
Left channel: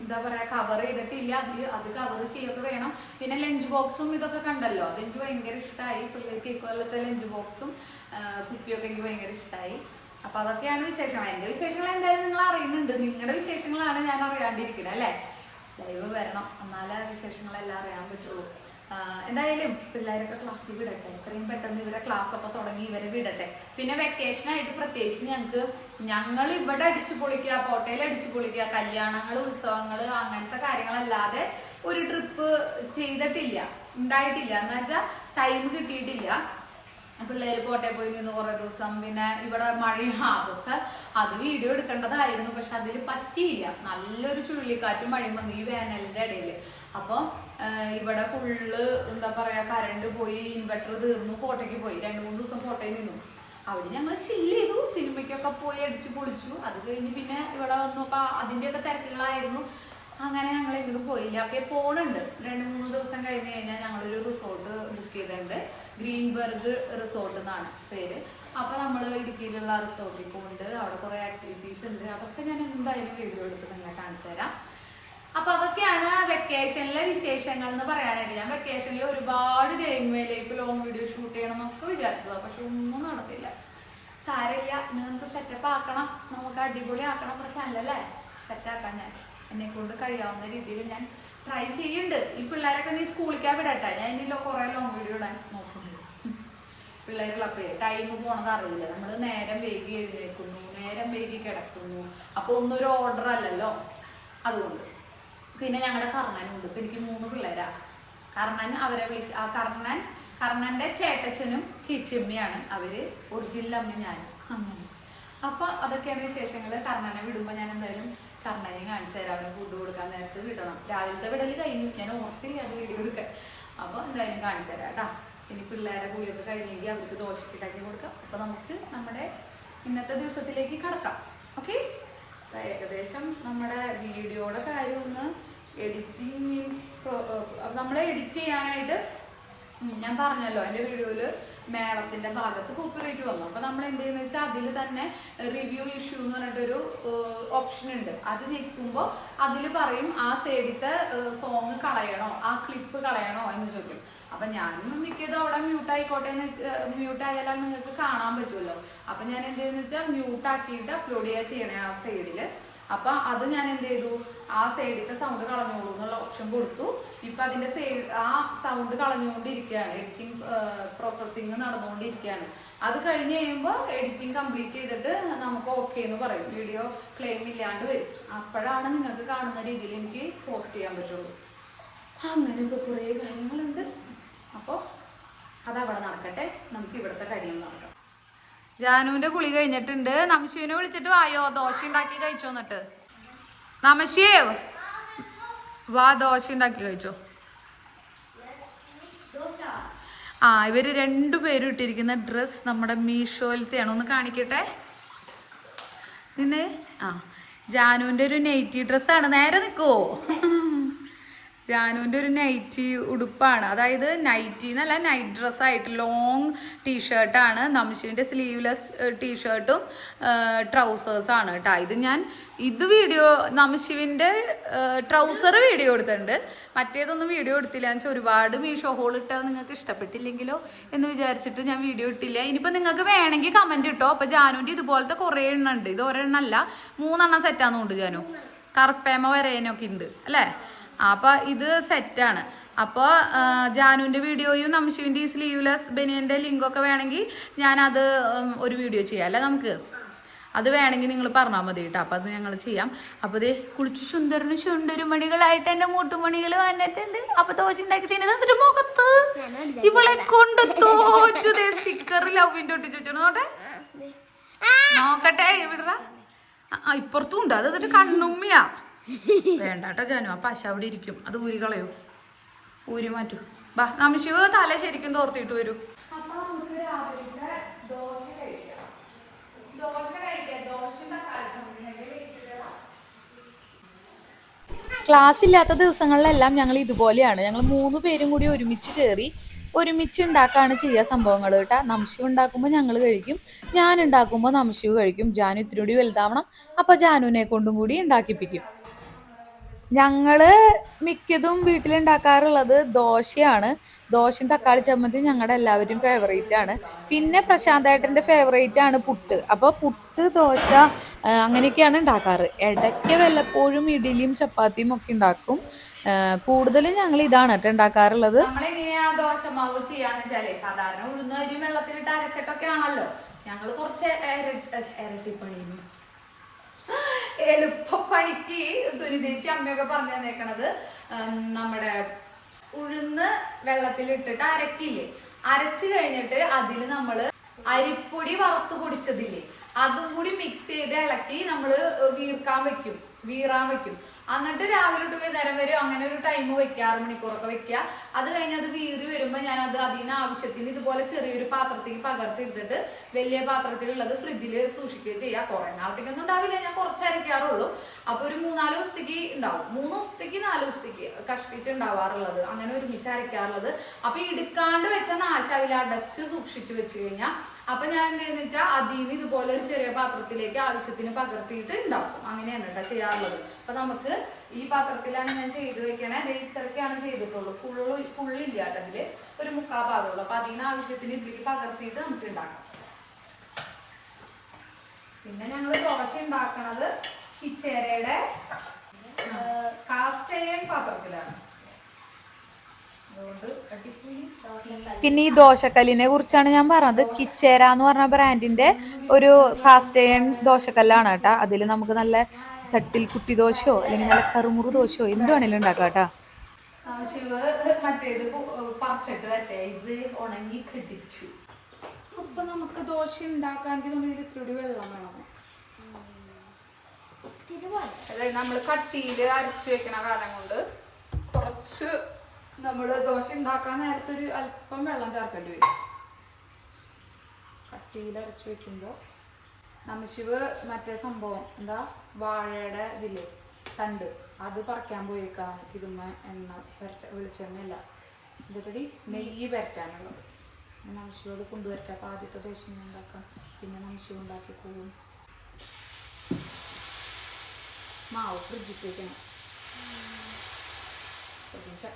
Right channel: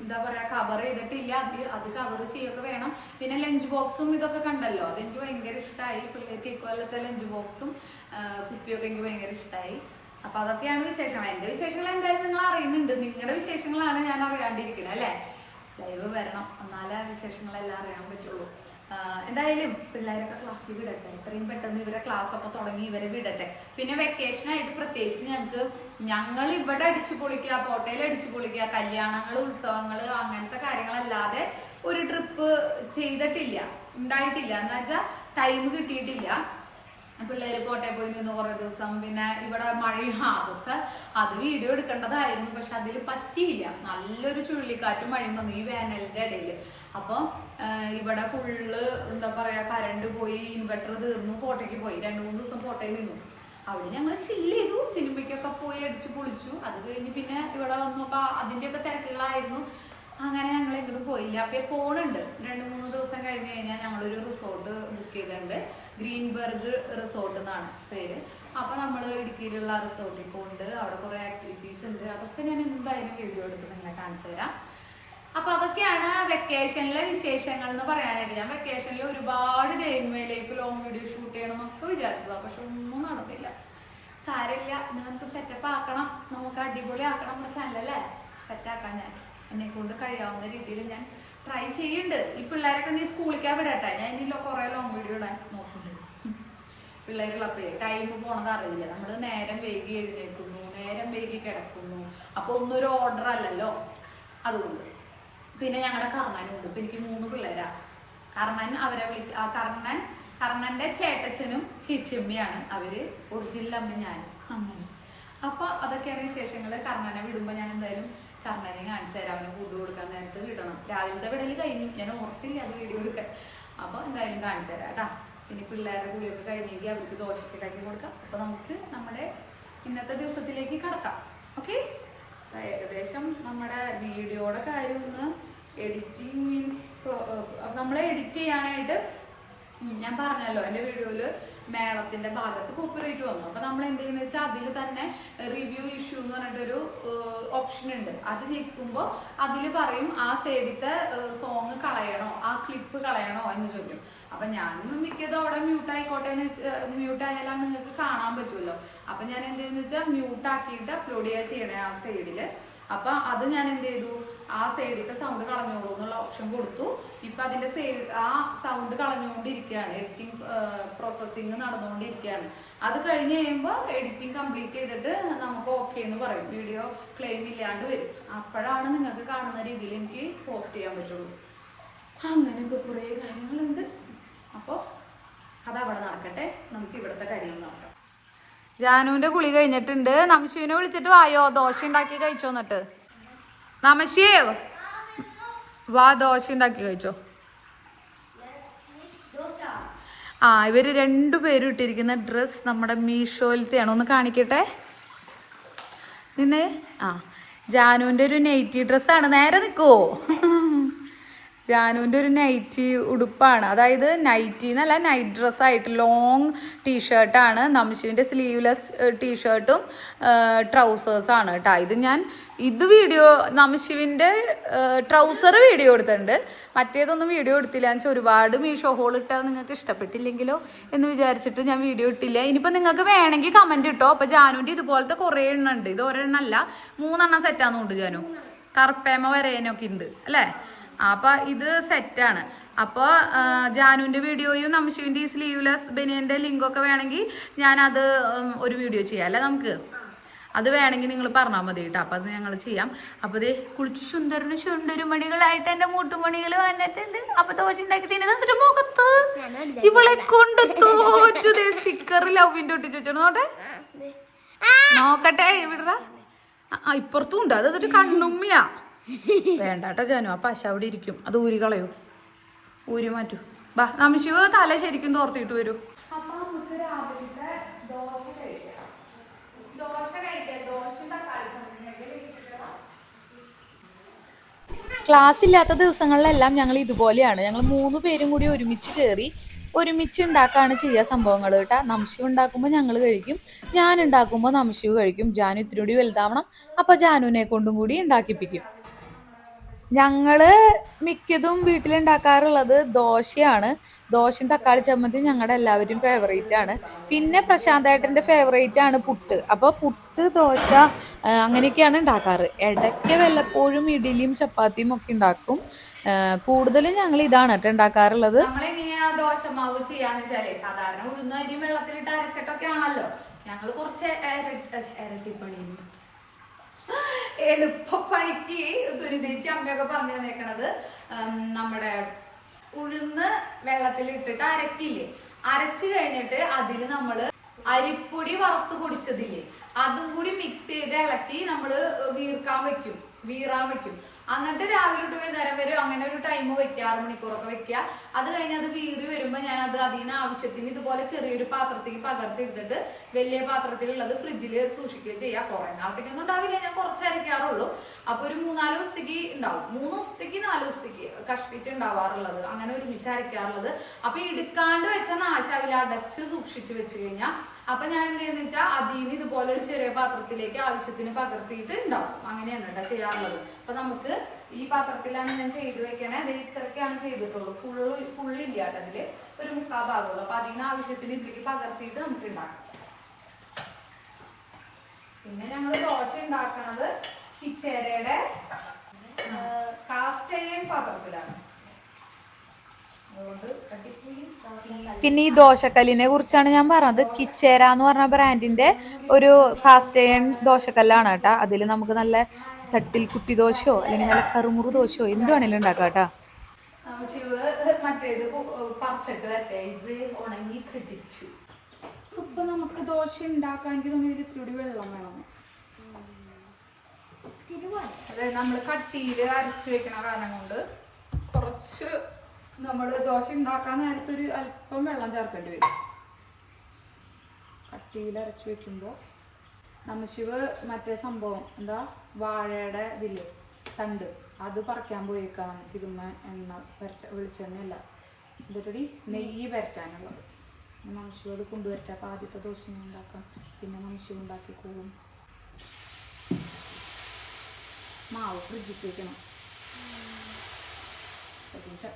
എന്താ പറയാ, കവർ ചെയ്തിട്ടില്ല. അത് കവർ ചെയ്യൊക്കെ വേണം. പിന്നെ ലഞ്ച് ബോക്സും ഇതൊക്കെ കണ്ടല്ലോ, അതെനിക്ക് ഭയങ്കര ഇഷ്ടമായി. പിള്ളേർക്ക് ഇക്കൊല്ലത്തെ ലഞ്ച് ബോക്സും കുപ്പിയൊക്കെ എനിക്ക് ഭയങ്കര ഇഷ്ടമായി. അപ്പൊ അതൊക്കെയാണ് വിശേഷങ്ങൾ. എൻ്റെ വിശേഷങ്ങൾ എന്തായാലും നിങ്ങൾ അറിയുന്നുണ്ട്. നിങ്ങളുടെ വിശേഷങ്ങളാണ് ഞാൻ അറിയാണ്ടിരിക്കുന്നത് അല്ലേ. ലൈവ് വരണം, എന്നാലേ വിശേഷങ്ങളെല്ലാം അറിയാൻ പറ്റുള്ളൂ. എന്തായാലും പിള്ളേരൊക്കെ ക്ലാസ്സിൽ വിടട്ടെ, എത്രയും പെട്ടെന്ന് ഇവരെ ക്ലാസ് ഒക്കെ തുടങ്ങി ഇവരെ വിടട്ടെ. പിന്നെ വെക്കേഷൻ ആയിട്ട് പ്രത്യേകിച്ച് ഞങ്ങൾ ഇവിടെ അടിച്ചു പൊളിക്കുക, പോട്ടയിൽ അടിച്ചു പൊളിക്കുക, കല്യാണങ്ങൾ ഉത്സവങ്ങൾ അങ്ങനത്തെ കാര്യങ്ങളല്ലാതെ ഒരു ട്രിപ്പ് ചെയ്തിട്ടില്ല, ഉണ്ടായിട്ടില്ല. എന്ന് വെച്ചാൽ ടൈം കിട്ടിയിട്ടില്ല. പിള്ളേര് കോട്ടയം പോയി നിന്ന് കുറെ ദിവസം, പിന്നെ ഇവിടെ മഴയും അതൊക്കെ അത് വീഡിയോ എടുക്കേണ്ടതായിരുന്നു. പക്ഷെ അതിൽ പറ്റിയില്ല. നല്ലൊരു ചുഴലിക്കാറ്റും മഴയും വന്നു ഈ വേനലിന്റെ ഇടയിൽ. അപ്പോൾ ഇവിടെ ഫുള്ള് എന്താ പറയാ, കറണ്ട് പോയി, ഇൻവെർട്ടർ തീർന്നു, കോട്ടയ്ക്ക് പോയി. 2-3 ദിവസം കോട്ടയിൽ നിന്നു. അവിടെ ഞങ്ങൾ ചില്ല് ചെയ്തു, സിനിമയ്ക്കൊക്കെ പോയി അടിച്ചു പൊളിച്ചു. അത് കഴിഞ്ഞ് പിന്നെ ഇവിടെ വന്നു. അപ്പൊ അതിന്റെയൊക്കെ തിരക്കുകളായിരുന്നു. അങ്ങനെ ഞങ്ങൾ എങ്ങോട്ടും പോയില്ല. അപ്പൊ പോണുണ്ട് 2-3 ദിവസം കഴിഞ്ഞ് കഴിഞ്ഞാൽ ഞങ്ങളൊരു റിസോർട്ട് ബുക്ക് ചെയ്തിട്ടുണ്ട്. ഗ്രീൻബർഗ് റിസോർട്ട് എന്നാണ് പേര്. അപ്പൊ നമ്മൾ ഇടുക്കിയിലുള്ള റിസോർട്ടിൽ പോകുന്നുണ്ട്. അവിടെ കുറെ ആക്ടിവിറ്റീസ് ഉണ്ട്. അതൊക്കെ ഞാൻ എന്തായാലും വീഡിയോ എടുത്ത് നിങ്ങളെ കാണിച്ചു തരാം. അപ്പൊ അതൊക്കെയാണ് വെക്കേഷനിലെ വിശേഷങ്ങൾ എന്ന് പറയാനായിട്ട്. ഞാൻ വെക്കേഷനിൽ ഒരുപാട് day in my life long video shoot ചെയ്യണം എന്നൊക്കെ വിചാരിച്ചതാണ്. പക്ഷെ ഒന്നും നടന്നില്ല. സാരമില്ല, ഇനി നമുക്ക് സെറ്റപ്പ് ആക്കണം, നമുക്ക് അടിപൊളി ആക്കണം. നമ്മുടെ ചാനലല്ലേ സെറ്റാക്കാൻ ഞാൻ എന്നെ കൊണ്ട് കഴിയാവുന്ന രീതിയിൽ ഞാൻ ട്രൈ ചെയ്യുന്നുണ്ട്. ഈ പിള്ളേരൊക്കെ നീ സ്കൂളിലേക്കാ വിടട്ടെ. ഞാൻ ഇനിയില്ലോ കുറെ ലോങ് വീഡിയോ ഇടാൻ നോക്കുന്നുണ്ട്. പിള്ളേരുള്ളപ്പോഴേ ടൈം പോണത് അറിയില്ല. നമ്മൾ നേരം വൈകി എഴുന്നേൽക്കുന്നു, നേരം വൈകി കിടക്കുന്നു. അപ്പൊ ഒന്നൊരു ഓർഡർ അല്ലല്ലോ. അതുകൊണ്ട് പിന്നെ ഞങ്ങളുടെ കർണനുണ്ട്. ഇപ്പൊ എനിക്ക് 3 പിള്ളേരാ. കർണൻ അവരെ കർണന്റെ ചേട്ടച്ചനും ചേച്ചിയമ്മയാണ് അവര്. ഒറിജിനൽ അമ്മ ഞാനും. അങ്ങനെ അപ്പൊ അതൊക്കെയാണ് വിശേഷങ്ങള്. കർണനെ വിടുമ്പോ ഞാൻ എന്തായാലും കർണനെ കാണിച്ചു തരാം. അവന് ഫുഡ് കൊടുക്കാൻ നേരത്ത് വിടണം. രാവിലത്തെ വിടല് കഴിഞ്ഞു, ഞാൻ ഓർത്തില്ല അത് വീഡിയോ എടുക്കാൻ. അപ്പൊ എന്തായാലും കാണിച്ചു തരാം കേട്ടാ. പിന്നെ പിള്ളേരുടെ കൂടിയൊക്കെ കഴിഞ്ഞെങ്കിൽ അവർക്ക് ദോശയ്ക്ക് ഉണ്ടാക്കി കൊടുക്കാം. അപ്പൊ നമുക്ക് നമ്മുടെ ഇന്നത്തെ ദിവസത്തിലേക്ക് കടക്കാം. ഓക്കെ, ഏകദേശം നമ്മുടെ വീഡിയോയുടെ കാര്യം ഒന്ന് എഡിറ്റിംഗ്, നമ്മളെ എഡിറ്റ് ചെയ്യാനായിട്ട് ഞാൻ പറഞ്ഞല്ലോ എൻ്റെ വീഡിയോയില് മേളത്തിന്റെ ഭാഗത്ത് കോപ്പിറൈറ്റ് വന്നു. അപ്പൊ നമ്മൾ എന്ത് ചെയ്യുന്ന വെച്ചാൽ അതിൽ തന്നെ റിവ്യൂ ഇഷ്യൂ എന്ന് പറഞ്ഞിട്ടൊരു ഓപ്ഷൻ ഉണ്ട്. അത് ഞെക്കുമ്പോൾ അതിൽ പറയും ആ സൈഡിലത്തെ സോങ് കളയണോ, ആ ക്ലിപ്പ് കളയണോ എന്ന് ചോദിക്കും. അപ്പൊ ഞാൻ മിക്കതും അവിടെ മ്യൂട്ട് ആയിക്കോട്ടെ എന്ന് മ്യൂട്ട് ആയാലും നിങ്ങൾക്ക് കാണാൻ പറ്റുമല്ലോ. അപ്പൊ ഞാൻ എന്ത് ചെയ്യുന്ന വെച്ചാൽ മ്യൂട്ട് ആക്കിയിട്ട് അപ്ലോഡ് ചെയ്യണേ ആ സൈഡില്. അപ്പൊ അത് ഞാൻ എന്ത് ചെയ്തു, ആ സൈഡിലത്തെ സൗണ്ട് കളഞ്ഞോളൂ എന്നുള്ള ഓപ്ഷൻ കൊടുത്തു. ഇപ്പൊ അതിന്റെ ആ സൗണ്ട് കളഞ്ഞുകൊണ്ടിരിക്കുകയാണ്. എഡിറ്റിംഗ് പ്രോസസ്സിങ് നടന്നുകൊണ്ടിരിക്കുകയാണ്. അത് കഴിഞ്ഞ് കഴിയുമ്പോൾ എഡിറ്റിംഗ് കംപ്ലീറ്റ് ചെയ്തിട്ട് നമുക്ക് ഓക്കെ എന്ന് പറയും. വീഡിയോ ക്ലെയിം ഇല്ലാണ്ട് വരും. അപ്പോഴാണ് നിങ്ങൾക്ക് കാണുന്ന രീതിയിൽ എനിക്ക് പോസ്റ്റ് ചെയ്യാൻ പറ്റുള്ളൂ. അങ്ങനെയൊക്കെ കുറേ കാര്യങ്ങളുണ്ട്. അപ്പോൾ അതവിടെ നടക്കട്ടെ, നമുക്ക് ഇവിടുത്തെ കാര്യങ്ങൾ നടക്കാം. ജാനുവിന്റെ കുളി കഴിഞ്ഞിട്ടുണ്ട്. നമശിവിനെ വിളിച്ചിട്ട് വായോ, ദോശ ഉണ്ടാക്കി കഴിച്ചോ. എന്നിട്ട് നമശിയേ വാ, ദോശ ഉണ്ടാക്കി കഴിച്ചോ. ഇവര് 2 പേരും ഇട്ടിരിക്കുന്ന ഡ്രസ് നമ്മുടെ മീഷോയിലത്തെയാണ്. ഒന്ന് കാണിക്കട്ടെ നിന്നെ. ജാനുവിന്റെ ഒരു നൈറ്റി ഡ്രസ്സാണ്. നേരെ നിൽക്കുവോ? ജാനുവിൻ്റെ ഒരു നൈറ്റി ഉടുപ്പാണ്. അതായത് നൈറ്റി എന്നല്ല, നൈറ്റ് ഡ്രസ്സായിട്ട് ലോങ് ടീഷർട്ടാണ്. നംശുവിൻ്റെ സ്ലീവ്ലെസ് ടീഷർട്ടും ട്രൗസേഴ്സാണ് കേട്ടോ. ഇത് വീഡിയോ നംശുവിൻ്റെ ട്രൗസർ വീഡിയോ എടുത്തിട്ടുണ്ട്. മറ്റേതൊന്നും വീഡിയോ എടുത്തില്ല എന്ന് വെച്ചാൽ ഒരുപാട് മീഷോ ഹോൾ ഇട്ടാൽ നിങ്ങൾക്ക് ഇഷ്ടപ്പെട്ടില്ലെങ്കിലോ എന്ന് വിചാരിച്ചിട്ട് ഞാൻ വീഡിയോ ഇട്ടില്ല. ഇനിയിപ്പോൾ നിങ്ങൾക്ക് വേണമെങ്കിൽ കമൻറ്റ് ഇട്ടോ. അപ്പോൾ ജാനുവിൻ്റെ ഇതുപോലത്തെ കുറേ എണ്ണം ഉണ്ട്. ഇത് ഒരെണ്ണമല്ല, 3 എണ്ണം സെറ്റാണെന്നുണ്ട്. ജാനു കറുപ്പേമ വരേനൊക്കെ ഉണ്ട് അല്ലേ. അപ്പൊ ഇത് സെറ്റാണ്. അപ്പോൾ ജാനുവിൻ്റെ വീഡിയോയും നംശുവിൻ്റെ ഈ സ്ലീവ്ലെസ് ബനിയൻ്റെ ലിങ്കൊക്കെ വേണമെങ്കിൽ ഞാനത് ഒരു വീഡിയോ ചെയ്യാം അല്ലേ. നമുക്ക് അത് വേണമെങ്കിൽ നിങ്ങൾ പറഞ്ഞാൽ മതി കേട്ടോ. അപ്പം അത് ഞങ്ങൾ ചെയ്യാം. അപ്പോൾ ഇത് കുളിച്ച് ചുണ്ടരുമണികളായിട്ട് എൻ്റെ മൂട്ടുമണികൾ വന്നിട്ടുണ്ട്. അപ്പൊ ദോശ ഉണ്ടാക്കി തിന്നിട്ട് മുഖത്ത് ഇവളെ കൊണ്ട് തോറ്റു. സ്റ്റിക്കർ ലവിൻ്റെ ഒട്ടിച്ച് വെച്ചോ. നോക്കട്ടെ ഇവിടെ ഇപ്പുറത്തും ഉണ്ട്. അത് എന്നിട്ട് കണ്ണുമ്മിയാ. വേണ്ടാട്ടോ ജാനു, ആ പശ അവിടെ ഇരിക്കും. അത് ഊരി കളയൂ, ഊരി മാറ്റൂ. ബാ, നംശിവ് തല ശരിക്കും തോർത്തിട്ട് വരൂ. ക്ലാസ് ഇല്ലാത്ത ദിവസങ്ങളിലെല്ലാം ഞങ്ങൾ ഇതുപോലെയാണ്. ഞങ്ങൾ 3 പേരും കൂടി ഒരുമിച്ച് കയറി ഒരുമിച്ച് ഉണ്ടാക്കുകയാണ് ചെയ്യുക സംഭവങ്ങൾ കേട്ടോ. നംശിവ് ഉണ്ടാക്കുമ്പോൾ ഞങ്ങൾ കഴിക്കും, ഞാൻ ഉണ്ടാക്കുമ്പോൾ നംശിവ് കഴിക്കും. ജാനു ഇത്തിരി കൂടി വലുതാവണം, അപ്പോൾ ജാനുവിനെ കൊണ്ടും കൂടി ഉണ്ടാക്കിപ്പിക്കും. ഞങ്ങള് മിക്കതും വീട്ടിലുണ്ടാക്കാറുള്ളത് ദോശയാണ്. ദോശയും തക്കാളി ചമ്മന്തി ഞങ്ങളുടെ എല്ലാവരും ഫേവറേറ്റ് ആണ്. പിന്നെ പ്രശാന്തേട്ടൻ്റെ ഫേവറേറ്റ് ആണ് പുട്ട്. അപ്പോൾ പുട്ട്, ദോശ അങ്ങനെയൊക്കെയാണ് ഉണ്ടാക്കാറ്. ഇടയ്ക്ക് വല്ലപ്പോഴും ഇഡ്ഡലിയും ചപ്പാത്തിയും ഒക്കെ ഉണ്ടാക്കും. കൂടുതലും ഞങ്ങൾ ഇതാണ് കേട്ടോ ഉണ്ടാക്കാറുള്ളത്. നമ്മളെങ്ങനെയാ ദോശമാവ് ചെയ്യാന്ന് വെച്ചാലേ, സാധാരണ ഉഴുന്ന അരി വെള്ളത്തിലിട്ട് അരച്ചിട്ടൊക്കെ ആണല്ലോ. ഞങ്ങൾ കുറച്ച് ഇരട്ടിപ്പണി എളുപ്പപ്പണിക്ക് സുനിതേച്ചി അമ്മയൊക്കെ പറഞ്ഞു തന്നേക്കണത്, നമ്മുടെ ഉഴുന്ന് വെള്ളത്തിലിട്ടിട്ട് അരക്കില്ലേ, അരച്ച് കഴിഞ്ഞിട്ട് അതിൽ നമ്മൾ അരിപ്പൊടി വറുത്ത് പൊടിച്ചതില്ലേ അതും കൂടി മിക്സ് ചെയ്ത് ഇളക്കി നമ്മൾ വീറാൻ വെക്കും. എന്നിട്ട് രാവിലെ തൊട്ട് വൈകുന്നേരം വരെ അങ്ങനെ ഒരു ടൈം വെക്കുക, 6 മണിക്കൂറൊക്കെ വെക്കുക. അത് കഴിഞ്ഞ് അത് വീറി വരുമ്പോൾ ഞാൻ അതിന് ആവശ്യത്തിന് ഇതുപോലെ ചെറിയൊരു പാത്രത്തേക്ക് പകർത്തിയെടുത്തിട്ട് വലിയ പാത്രത്തിലുള്ളത് ഫ്രിഡ്ജിൽ സൂക്ഷിക്കുകയും ചെയ്യാം. കുറെ നാളത്തേക്കൊന്നും ഉണ്ടാവില്ല, ഞാൻ കുറച്ച് അരയ്ക്കാറുള്ളൂ. അപ്പൊ ഒരു 3-4 ദിവസത്തേക്ക് ഉണ്ടാവും, 3 ദിവസത്തേക്ക് 4 ദിവസത്തേക്ക് കഷ്ടിച്ച് ഉണ്ടാവാറുള്ളത്, അങ്ങനെ ഒരുമിച്ച് അരയ്ക്കാറുള്ളത്. അപ്പൊ എടുക്കാണ്ട് വെച്ച നാശാവില്ല, അടച്ച് സൂക്ഷിച്ച് വെച്ച് കഴിഞ്ഞാൽ അപ്പൊ ഞാൻ എന്താന്ന് വെച്ചാൽ അതിന് ഇതുപോലെ ഒരു ചെറിയ പാത്രത്തിലേക്ക് ആവശ്യത്തിന് പകർത്തിയിട്ട് ഉണ്ടാക്കും. അങ്ങനെയാണ് കേട്ടോ ചെയ്യാറുള്ളത്. അപ്പൊ നമുക്ക് ഈ പാത്രത്തിലാണ് ഞാൻ ചെയ്ത് വെക്കണേ. ഇത്രയ്ക്കാണ് ചെയ്തിട്ടുള്ളൂ, ഫുള്ളില്ല കേട്ടോ, അതില് ഒരു 3/4 ഭാഗമുള്ളൂ. അപ്പൊ അതിന് ആവശ്യത്തിന് ഇതിലേക്ക് പകർത്തിയിട്ട് നമുക്ക് ഉണ്ടാക്കാം. പിന്നെ ഞങ്ങൾ ദോശ ഉണ്ടാക്കണത് കിച്ചേരയുടെ കാസ്റ്റ് അയൺ പാത്രത്തിലാണ്. പിന്നെ ഈ ദോശക്കല്ലിനെ കുറിച്ചാണ് ഞാൻ പറഞ്ഞത്. കിച്ചേര എന്ന് പറഞ്ഞ ബ്രാൻഡിന്റെ ഒരു കാസ്റ്റ് അയൺ ദോശക്കല്ലാണ് കേട്ടാ. അതിൽ നമുക്ക് നല്ല തട്ടിൽ കുട്ടി ദോശയോ അല്ലെങ്കിൽ നല്ല കറുമുറു ദോശയോ എന്ത് വേണേലും ഉണ്ടാക്കാം കേട്ടാ. മറ്റേത് പറിച്ചിട്ട് വരട്ടെ, ഇത് ഉണങ്ങി കെട്ടിച്ചു. ഇപ്പൊ നമുക്ക് ദോശ ഉണ്ടാക്കാമെങ്കിൽ നമ്മൾ ഇത്തിരി വെള്ളം വേണം. അതായത് നമ്മൾ കട്ടിയിൽ അരച്ചു വെക്കണ കാരണം കൊണ്ട് കുറച്ച് നമ്മൾ ദോശ ഉണ്ടാക്കാൻ നേരത്തെ ഒരു അല്പം വെള്ളം ചേർക്കേണ്ടി വരും. കട്ടിയിൽ അരച്ചു വെക്കുമ്പോൾ നമ്മശിവ് മറ്റേ സംഭവം എന്താ വാഴയുടെ ഇതില്ലേ തണ്ട്, അത് പറിക്കാൻ പോയേക്കാം. ഇതുമ്മ എണ്ണ വെളിച്ചെണ്ണയല്ല, ഇതൊരു നെയ്യ് വരട്ടാനുള്ളത്. നമ്മശിവ് അത് കൊണ്ടുവരട്ടെ. അപ്പം ആദ്യത്തെ ദോശ ഉണ്ടാക്കാം, പിന്നെ നമ്മശിവ് ഉണ്ടാക്കിക്കോളും. മാവ് ഫ്രിഡ്ജിൽ വെക്കണം.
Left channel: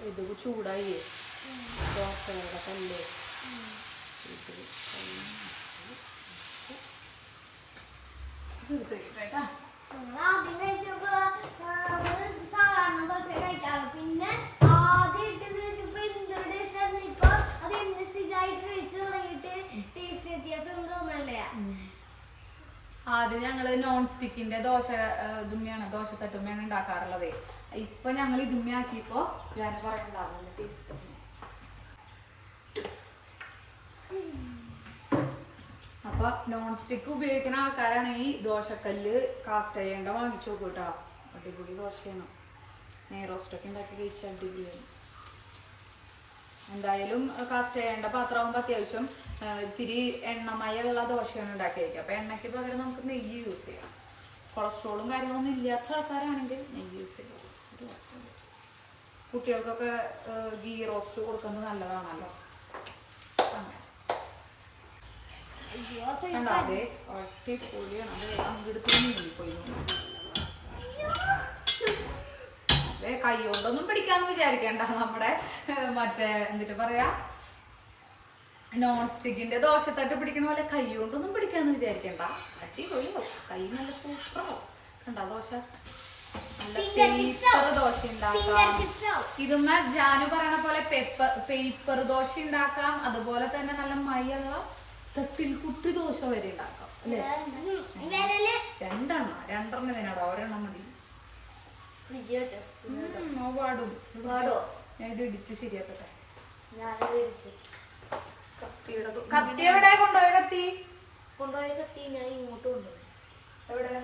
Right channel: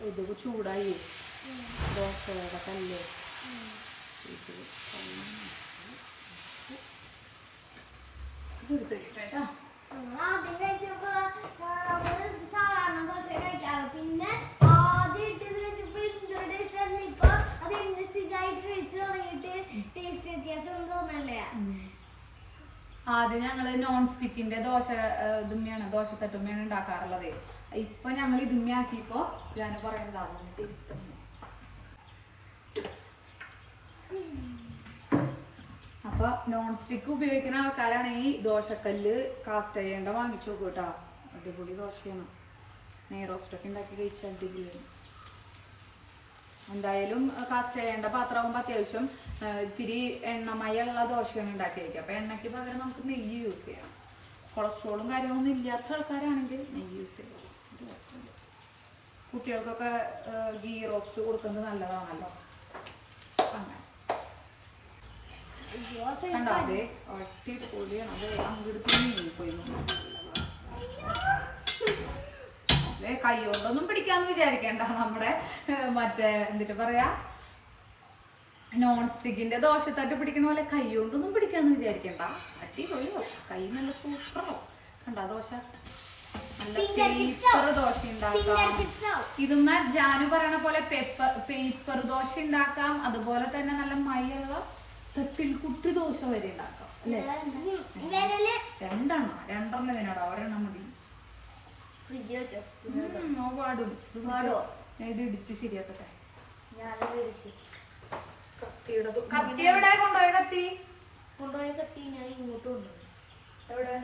ഇത് ചൂടായി ദോശയുടെ കല്ല് ആദ്യം ഞങ്ങള് നോൺ സ്റ്റിക്കിന്റെ ദോശ ഇതുമ്മയാണ്, ദോശത്തട്ടുമ്മയാണ് ഉണ്ടാക്കാറുള്ളത്. ഇപ്പൊ ഞങ്ങൾ ഇതുമ്മ ആക്കിയപ്പോ ഞാൻ പറയുന്നതാണ് ടേസ്റ്റ്. അപ്പൊ നോൺ സ്റ്റിക്ക് ഉപയോഗിക്കുന്ന ആൾക്കാരാണെങ്കിൽ ദോശക്കല്ല് കാസ്റ്റ് അയണ്ട വാങ്ങിച്ചു നോക്കൂ കേട്ടോ. അടിപൊളി ദോശയാണ്. നെയ്റോസ്റ്റൊക്കെ ഉണ്ടാക്കി കഴിച്ചാൽ അടിപൊളിയാണ്. എന്തായാലും കാസ്റ്റ് ചെയ്യേണ്ട പാത്രമാകുമ്പോൾ അത്യാവശ്യം ഇത്തിരി എണ്ണമയുള്ള ദോശയാണ് ഉണ്ടാക്കി വയ്ക്കുക. അപ്പൊ എണ്ണയ്ക്ക് പകരം നമുക്ക് നെയ്യ് യൂസ് ചെയ്യാം. കൊളസ്ട്രോളും കാര്യങ്ങളൊന്നും ഇല്ലാത്ത ആൾക്കാരാണെങ്കിൽ നെയ്യ് യൂസ് ചെയ്യാം. കുട്ടികൾക്കൊക്കെ ഗീ റോസ്റ്റ് കൊടുക്കുന്നത് നല്ലതാണല്ലോ. അടിപൊളിയാണ്. അത് അങ്ങെടുത്ത് നീങ്ങിപ്പോയി. കൈ കൊണ്ടൊന്നും പിടിക്കാന്ന് വിചാരിക്കണ്ട. നമ്മുടെ മറ്റേ എന്നിട്ട് പറയാ നോൺ സ്റ്റിക്കിന്റെ ദോശത്തട്ട് പിടിക്കണ പോലെ കൈ കൊണ്ടൊന്നും പിടിക്കാന്ന് വിചാരിക്കണ്ട. അടിപൊളിയോ, കൈ നല്ല സൂപ്പറോ. കണ്ട ദോശ നല്ല പേപ്പർ ദോശ ഉണ്ടാക്കാം. ഇതൊന്ന് ജാനു പറയണ പോലെ പേപ്പർ ദോശ ഉണ്ടാക്കാം. അതുപോലെ തന്നെ നല്ല മയുള്ള തട്ടിൽ കുട്ടി ദോശ വരെ ഉണ്ടാക്കാം അല്ലേ. രണ്ടെണ്ണം ഇതിനാടാ, ഒരെണ്ണം മതി. ഇത് ഇടിച്ച് ശരിയാക്കട്ടെ. കത്തി എവിടെ കൊണ്ടുപോയ? കത്തി ഞാൻ ഇങ്ങോട്ട് കൊണ്ടുപോയി. എവിടെ?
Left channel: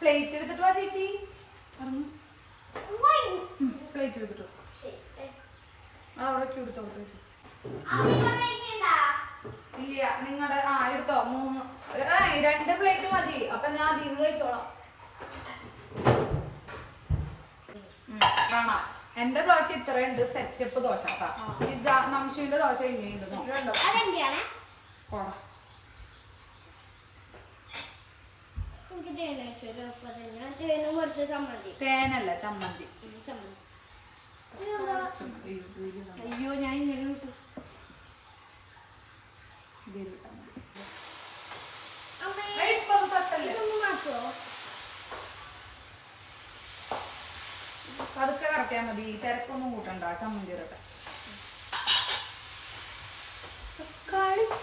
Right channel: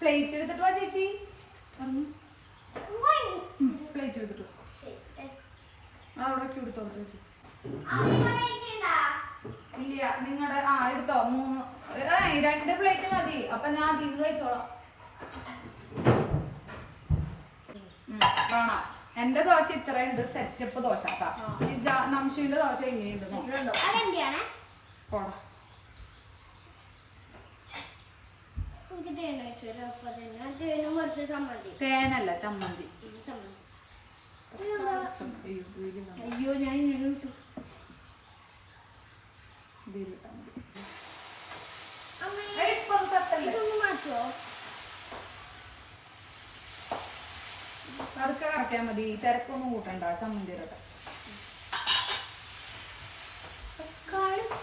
പ്ലേറ്റ് എടുത്തിട്ട് വാ ചേച്ചി. പ്ലേറ്റ് എടുത്തിട്ടു അവിടെ എടുത്തോ. ഇല്ല നിങ്ങളുടെ എടുത്തോ. 2 പ്ലേറ്റ് മതി. അപ്പൊ ഞാൻ അതിൽ കഴിച്ചോളാം. വേണം. എന്റെ ദോശ ഇത്രയുണ്ട്. സെറ്റപ്പ് ദോശ. നംശുവിന്റെ ദോശ എങ്ങനെയുണ്ട് പോടാ. തേനല്ല ചമ്മന്തി. അയ്യോ ഞാൻ ഇങ്ങനെ വിട്ടു. അതൊക്കെ കറക്കിയാൽ മതി. തിരക്കൊന്നും കൂട്ടണ്ട. ചമ്മന്തി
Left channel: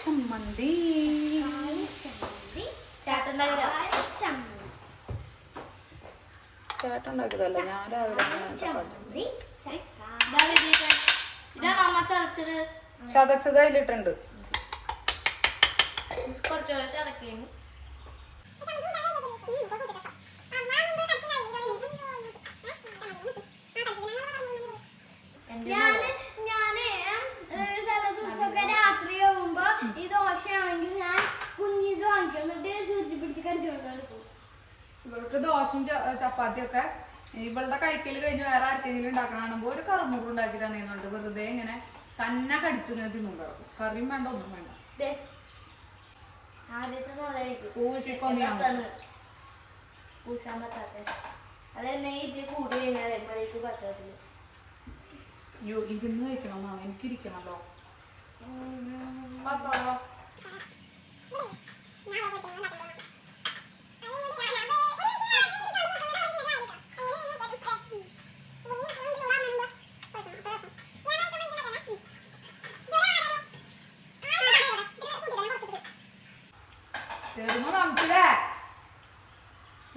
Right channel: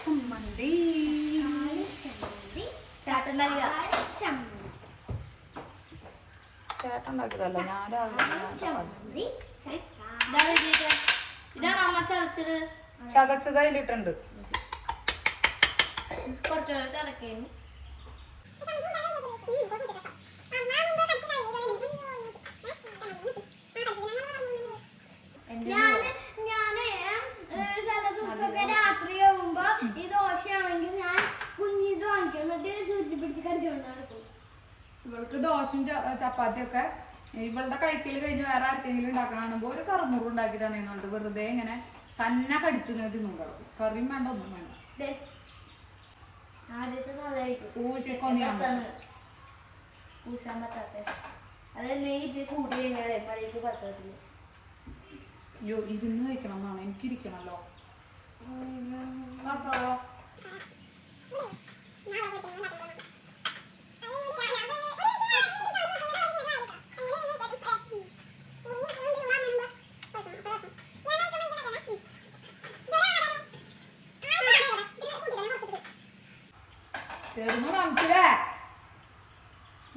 ചമ്മന്തി ചേട്ടൻ ഉണ്ടാക്കിയതല്ല, ഞാൻ രാവിലെ ചതച്ചത് അതിലിട്ടുണ്ട്. രാത്രി ആവുമ്പോ ഈ ദോശയാണെങ്കിൽ ഞാൻ കുഞ്ഞിത് വാങ്ങിക്കും, എന്നിട്ട് ഞാൻ ചുരുട്ടി പിടിച്ച് കടിച്ചുകൊണ്ടാണ്. ഇവൾക്ക് ദോശയും ചപ്പാത്തിയൊക്കെ ഇവളുടെ കഴിക്കൽ കഴിഞ്ഞ് വേറെ ആർക്കെങ്കിലും ഉണ്ടാക്കണാകുമ്പോ ഒരു കറുമുറു ഉണ്ടാക്കി തന്നെയുണ്ട്. വെറുതെ ഇങ്ങനെ തന്നെ കടിച്ചു ഇങ്ങനെ തിന്നുണ്ടാവും. കറിയും വേണ്ട, ഒന്നും വേണ്ട. അയ്യോ, ഇരുന്ന് കഴിക്കണം എന്നാണ് എനിക്കിരിക്കണല്ലോ.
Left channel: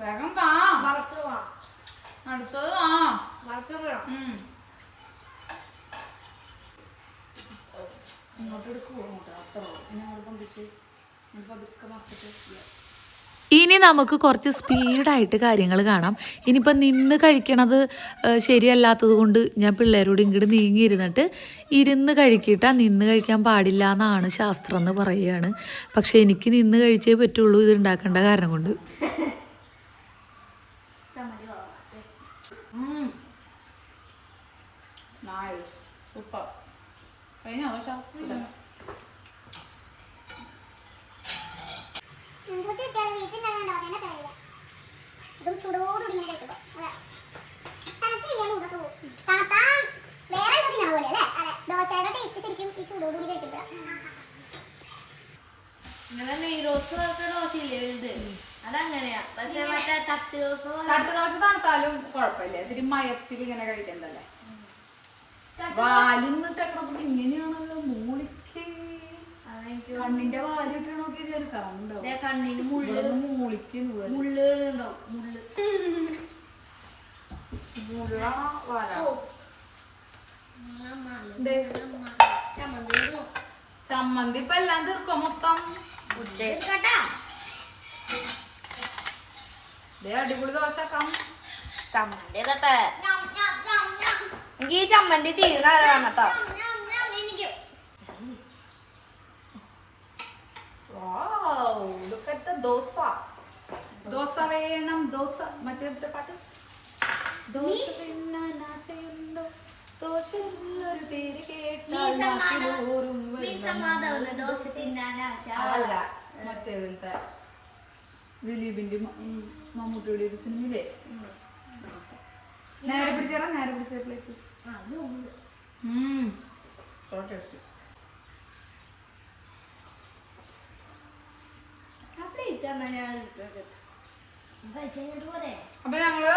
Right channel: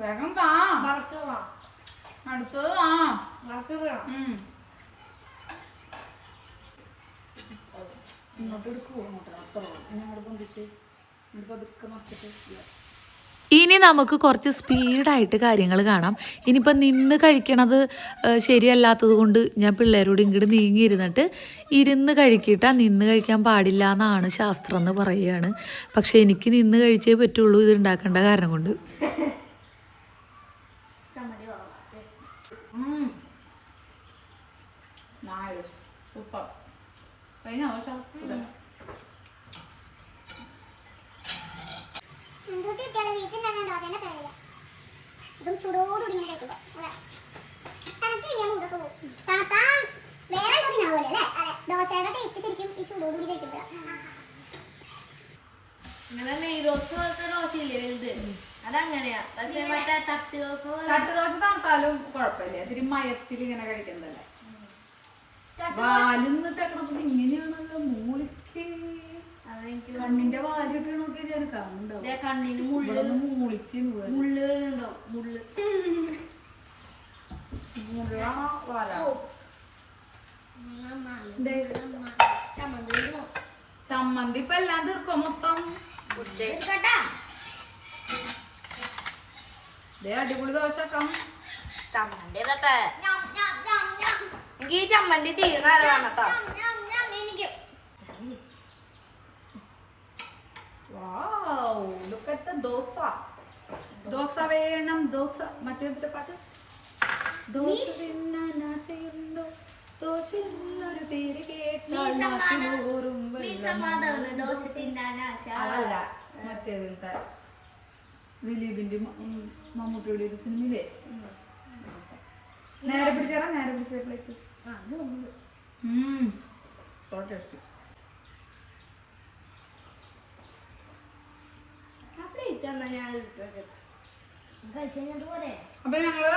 വേഗം താ, അടുത്തത് താ. ഇങ്ങോട്ട് എടുക്കുവോ? അങ്ങോട്ട് അത്ര ഇങ്ങോട്ട് പൊന്തിച്ച് പതുക്കെ മറിച്ചിട്ട്. ഇനി നമുക്ക് കുറച്ച് സ്പീഡായിട്ട് കാര്യങ്ങൾ കാണാം. ഇനിയിപ്പോൾ നിന്ന് കഴിക്കണത് ശരിയല്ലാത്തത് കൊണ്ട് ഞാൻ പിള്ളേരോട് ഇങ്ങോട്ട് നീങ്ങിയിരുന്നിട്ട് ഇരുന്ന് കഴിക്കിട്ടാ. നിന്ന് കഴിക്കാൻ പാടില്ല എന്നാണ് ശാസ്ത്രം എന്ന് പറയുകയാണ്. പക്ഷെ എനിക്ക് നിന്ന് കഴിച്ചേ പറ്റുള്ളൂ, ഇത് ഉണ്ടാക്കേണ്ട കാരണം കൊണ്ട്. സൂപ്പർ. കഴിഞ്ഞ തട്ടുദോശ തണുത്താലും കുഴപ്പമില്ല, ഇത്തിരി മയത്തിൽ ഇങ്ങനെ കഴിക്കണ്ടല്ലേ. വാലിന്നിട്ടൊക്കെ ഇങ്ങനെയാണല്ലോ മൂളിക്ക്. കണ്ണിന്റെ വാലിട്ട് നോക്കി കാണുന്നുണ്ടാവും. കണ്ണിന് മൂളിക്ക് ചമ്മന്തി ഇപ്പൊ എല്ലാം തീർക്കോ മൊത്തം? അടിപൊളി ദോശ ആക്കാം. എനിക്ക് ചമ്മന്തി തീരുന്ന കേട്ടോ. ദോശ ദോശ വേണം, ദോശ മറ്റേ പാട്ട്. ദോശ തിന്നാനാശയുണ്ടോ, ദോശയൊരു പേര് കേട്ടാൽ അല്ല മറ്റേതിലത്തെ ദിലീപിന്റെ മമ്മൂട്ടിയുടെ ഒരു സിനിമയിലെ നേരെ പിടിച്ചേരാ. നേരെ പിടിച്ചേക്ക് ടേസ്റ്റ്. അപ്പൊ ഞങ്ങള്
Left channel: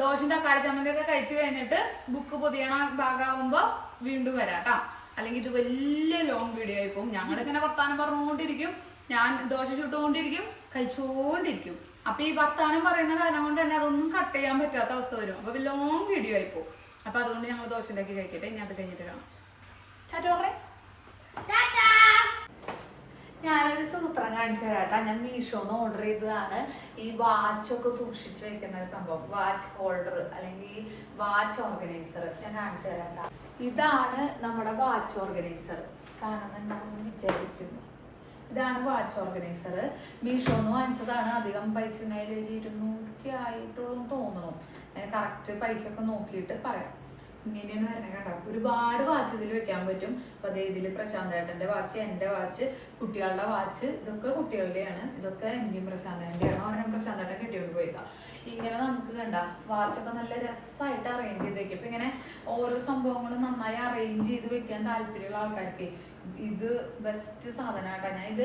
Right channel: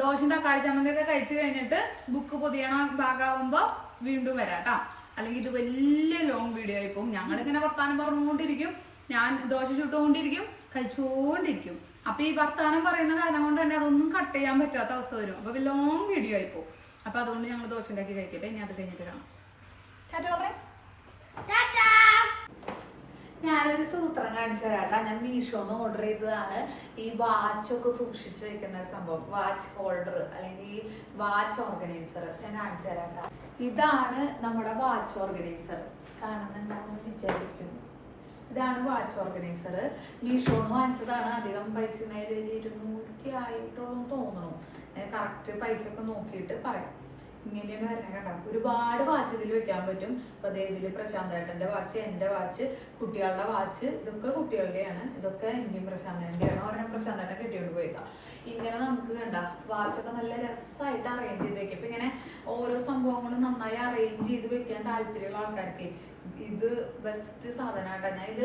ദോശയും തക്കാളി ചമ്മന്തിയൊക്കെ കഴിച്ചു കഴിഞ്ഞിട്ട് ബുക്ക് പൊതിയണ ഭാഗമാകുമ്പോ വീണ്ടും വരാട്ടോ. അല്ലെങ്കിൽ ഇത് വലിയ ലോങ് വീഡിയോ ആയി പോകും. ഞങ്ങളിങ്ങനെ വർത്താനം പറഞ്ഞുകൊണ്ടിരിക്കും, ഞാൻ ദോശ ചുട്ടുകൊണ്ടിരിക്കും, കഴിച്ചുകൊണ്ടിരിക്കും. അപ്പൊ ഈ വർത്താനം പറയുന്ന കാരണം കൊണ്ട് തന്നെ അതൊന്നും കട്ട് ചെയ്യാൻ പറ്റാത്ത അവസ്ഥ വരും. അപ്പൊ ലോങ് വീഡിയോ ആയി പോകും. അപ്പൊ അതുകൊണ്ട് ഞങ്ങൾ ദോശ ഉണ്ടാക്കി കഴിക്കട്ടെ. ഇനി അത് കഴിഞ്ഞിട്ട് കാണാം. ഞാനൊരു സൂത്രം കാണിച്ചു തരാട്ടാ. ഞാൻ മീഷോന്ന് ഓർഡർ ചെയ്തതാണ്. ഈ വാച്ചൊക്കെ സൂക്ഷിച്ചു വെക്കുന്ന ഒരു സംഭവം, വാച്ച് ഹോൾഡർ അല്ലെങ്കിൽ വാച്ച് ഓർഗനൈസർ. ഞാൻ കാണിച്ചു തരാട്ടാ. ഇതാണ് നമ്മുടെ വാച്ച് ഓർഗനൈസർ. കാണുന്നുണ്ടാവും വിചാരിക്കുന്നു. ഇതാണ് വാച്ച് ഓർഗനൈസർ. മീഷോന്ന് വാങ്ങിച്ചതാണ്. അധികം പൈസ 200 ആയിട്ടുള്ളൂ തോന്നുന്നു. കറക്റ്റ് പൈസ ഒക്കെ നോക്കിയിട്ട് പറയാം. ഇങ്ങനെയാണ് വരണേ കേട്ടോ. ഒരുപാട് വാച്ച് ഇതിൽ വെക്കാൻ പറ്റും. അപ്പൊ അതേ ഇതില് പ്രശാന്ത് ഏട്ടന്റെ വാച്ച്, എന്റെ വാച്ച്, കുട്ടികളുടെ വാച്ച്, ഇതൊക്കെ കുട്ടികളുടെയാണ്. ഇതൊക്കെ എന്റെയും പ്രശാന്തന്റെയാണ്. ഒരെണ്ണം പ്രശാന്തന്റെ കെട്ടിയോണ്ട് പോയേക്കാം. ഇങ്ങനെ നമുക്ക് കണ്ട വാച്ചൊക്കെ നല്ല രസമായിട്ട് അറേഞ്ച് ചെയ്ത് വെക്കും. ഇപ്പൊ ഇങ്ങനെ ഓരോ സംഭവങ്ങളും നന്നായി അറേഞ്ച് ചെയ്ത് വെക്കാൻ താല്പര്യമുള്ള ആൾക്കാർക്ക് ഇത് ബെസ്റ്റ് സാധനമായിട്ടാണ്. ഞാൻ ഇത്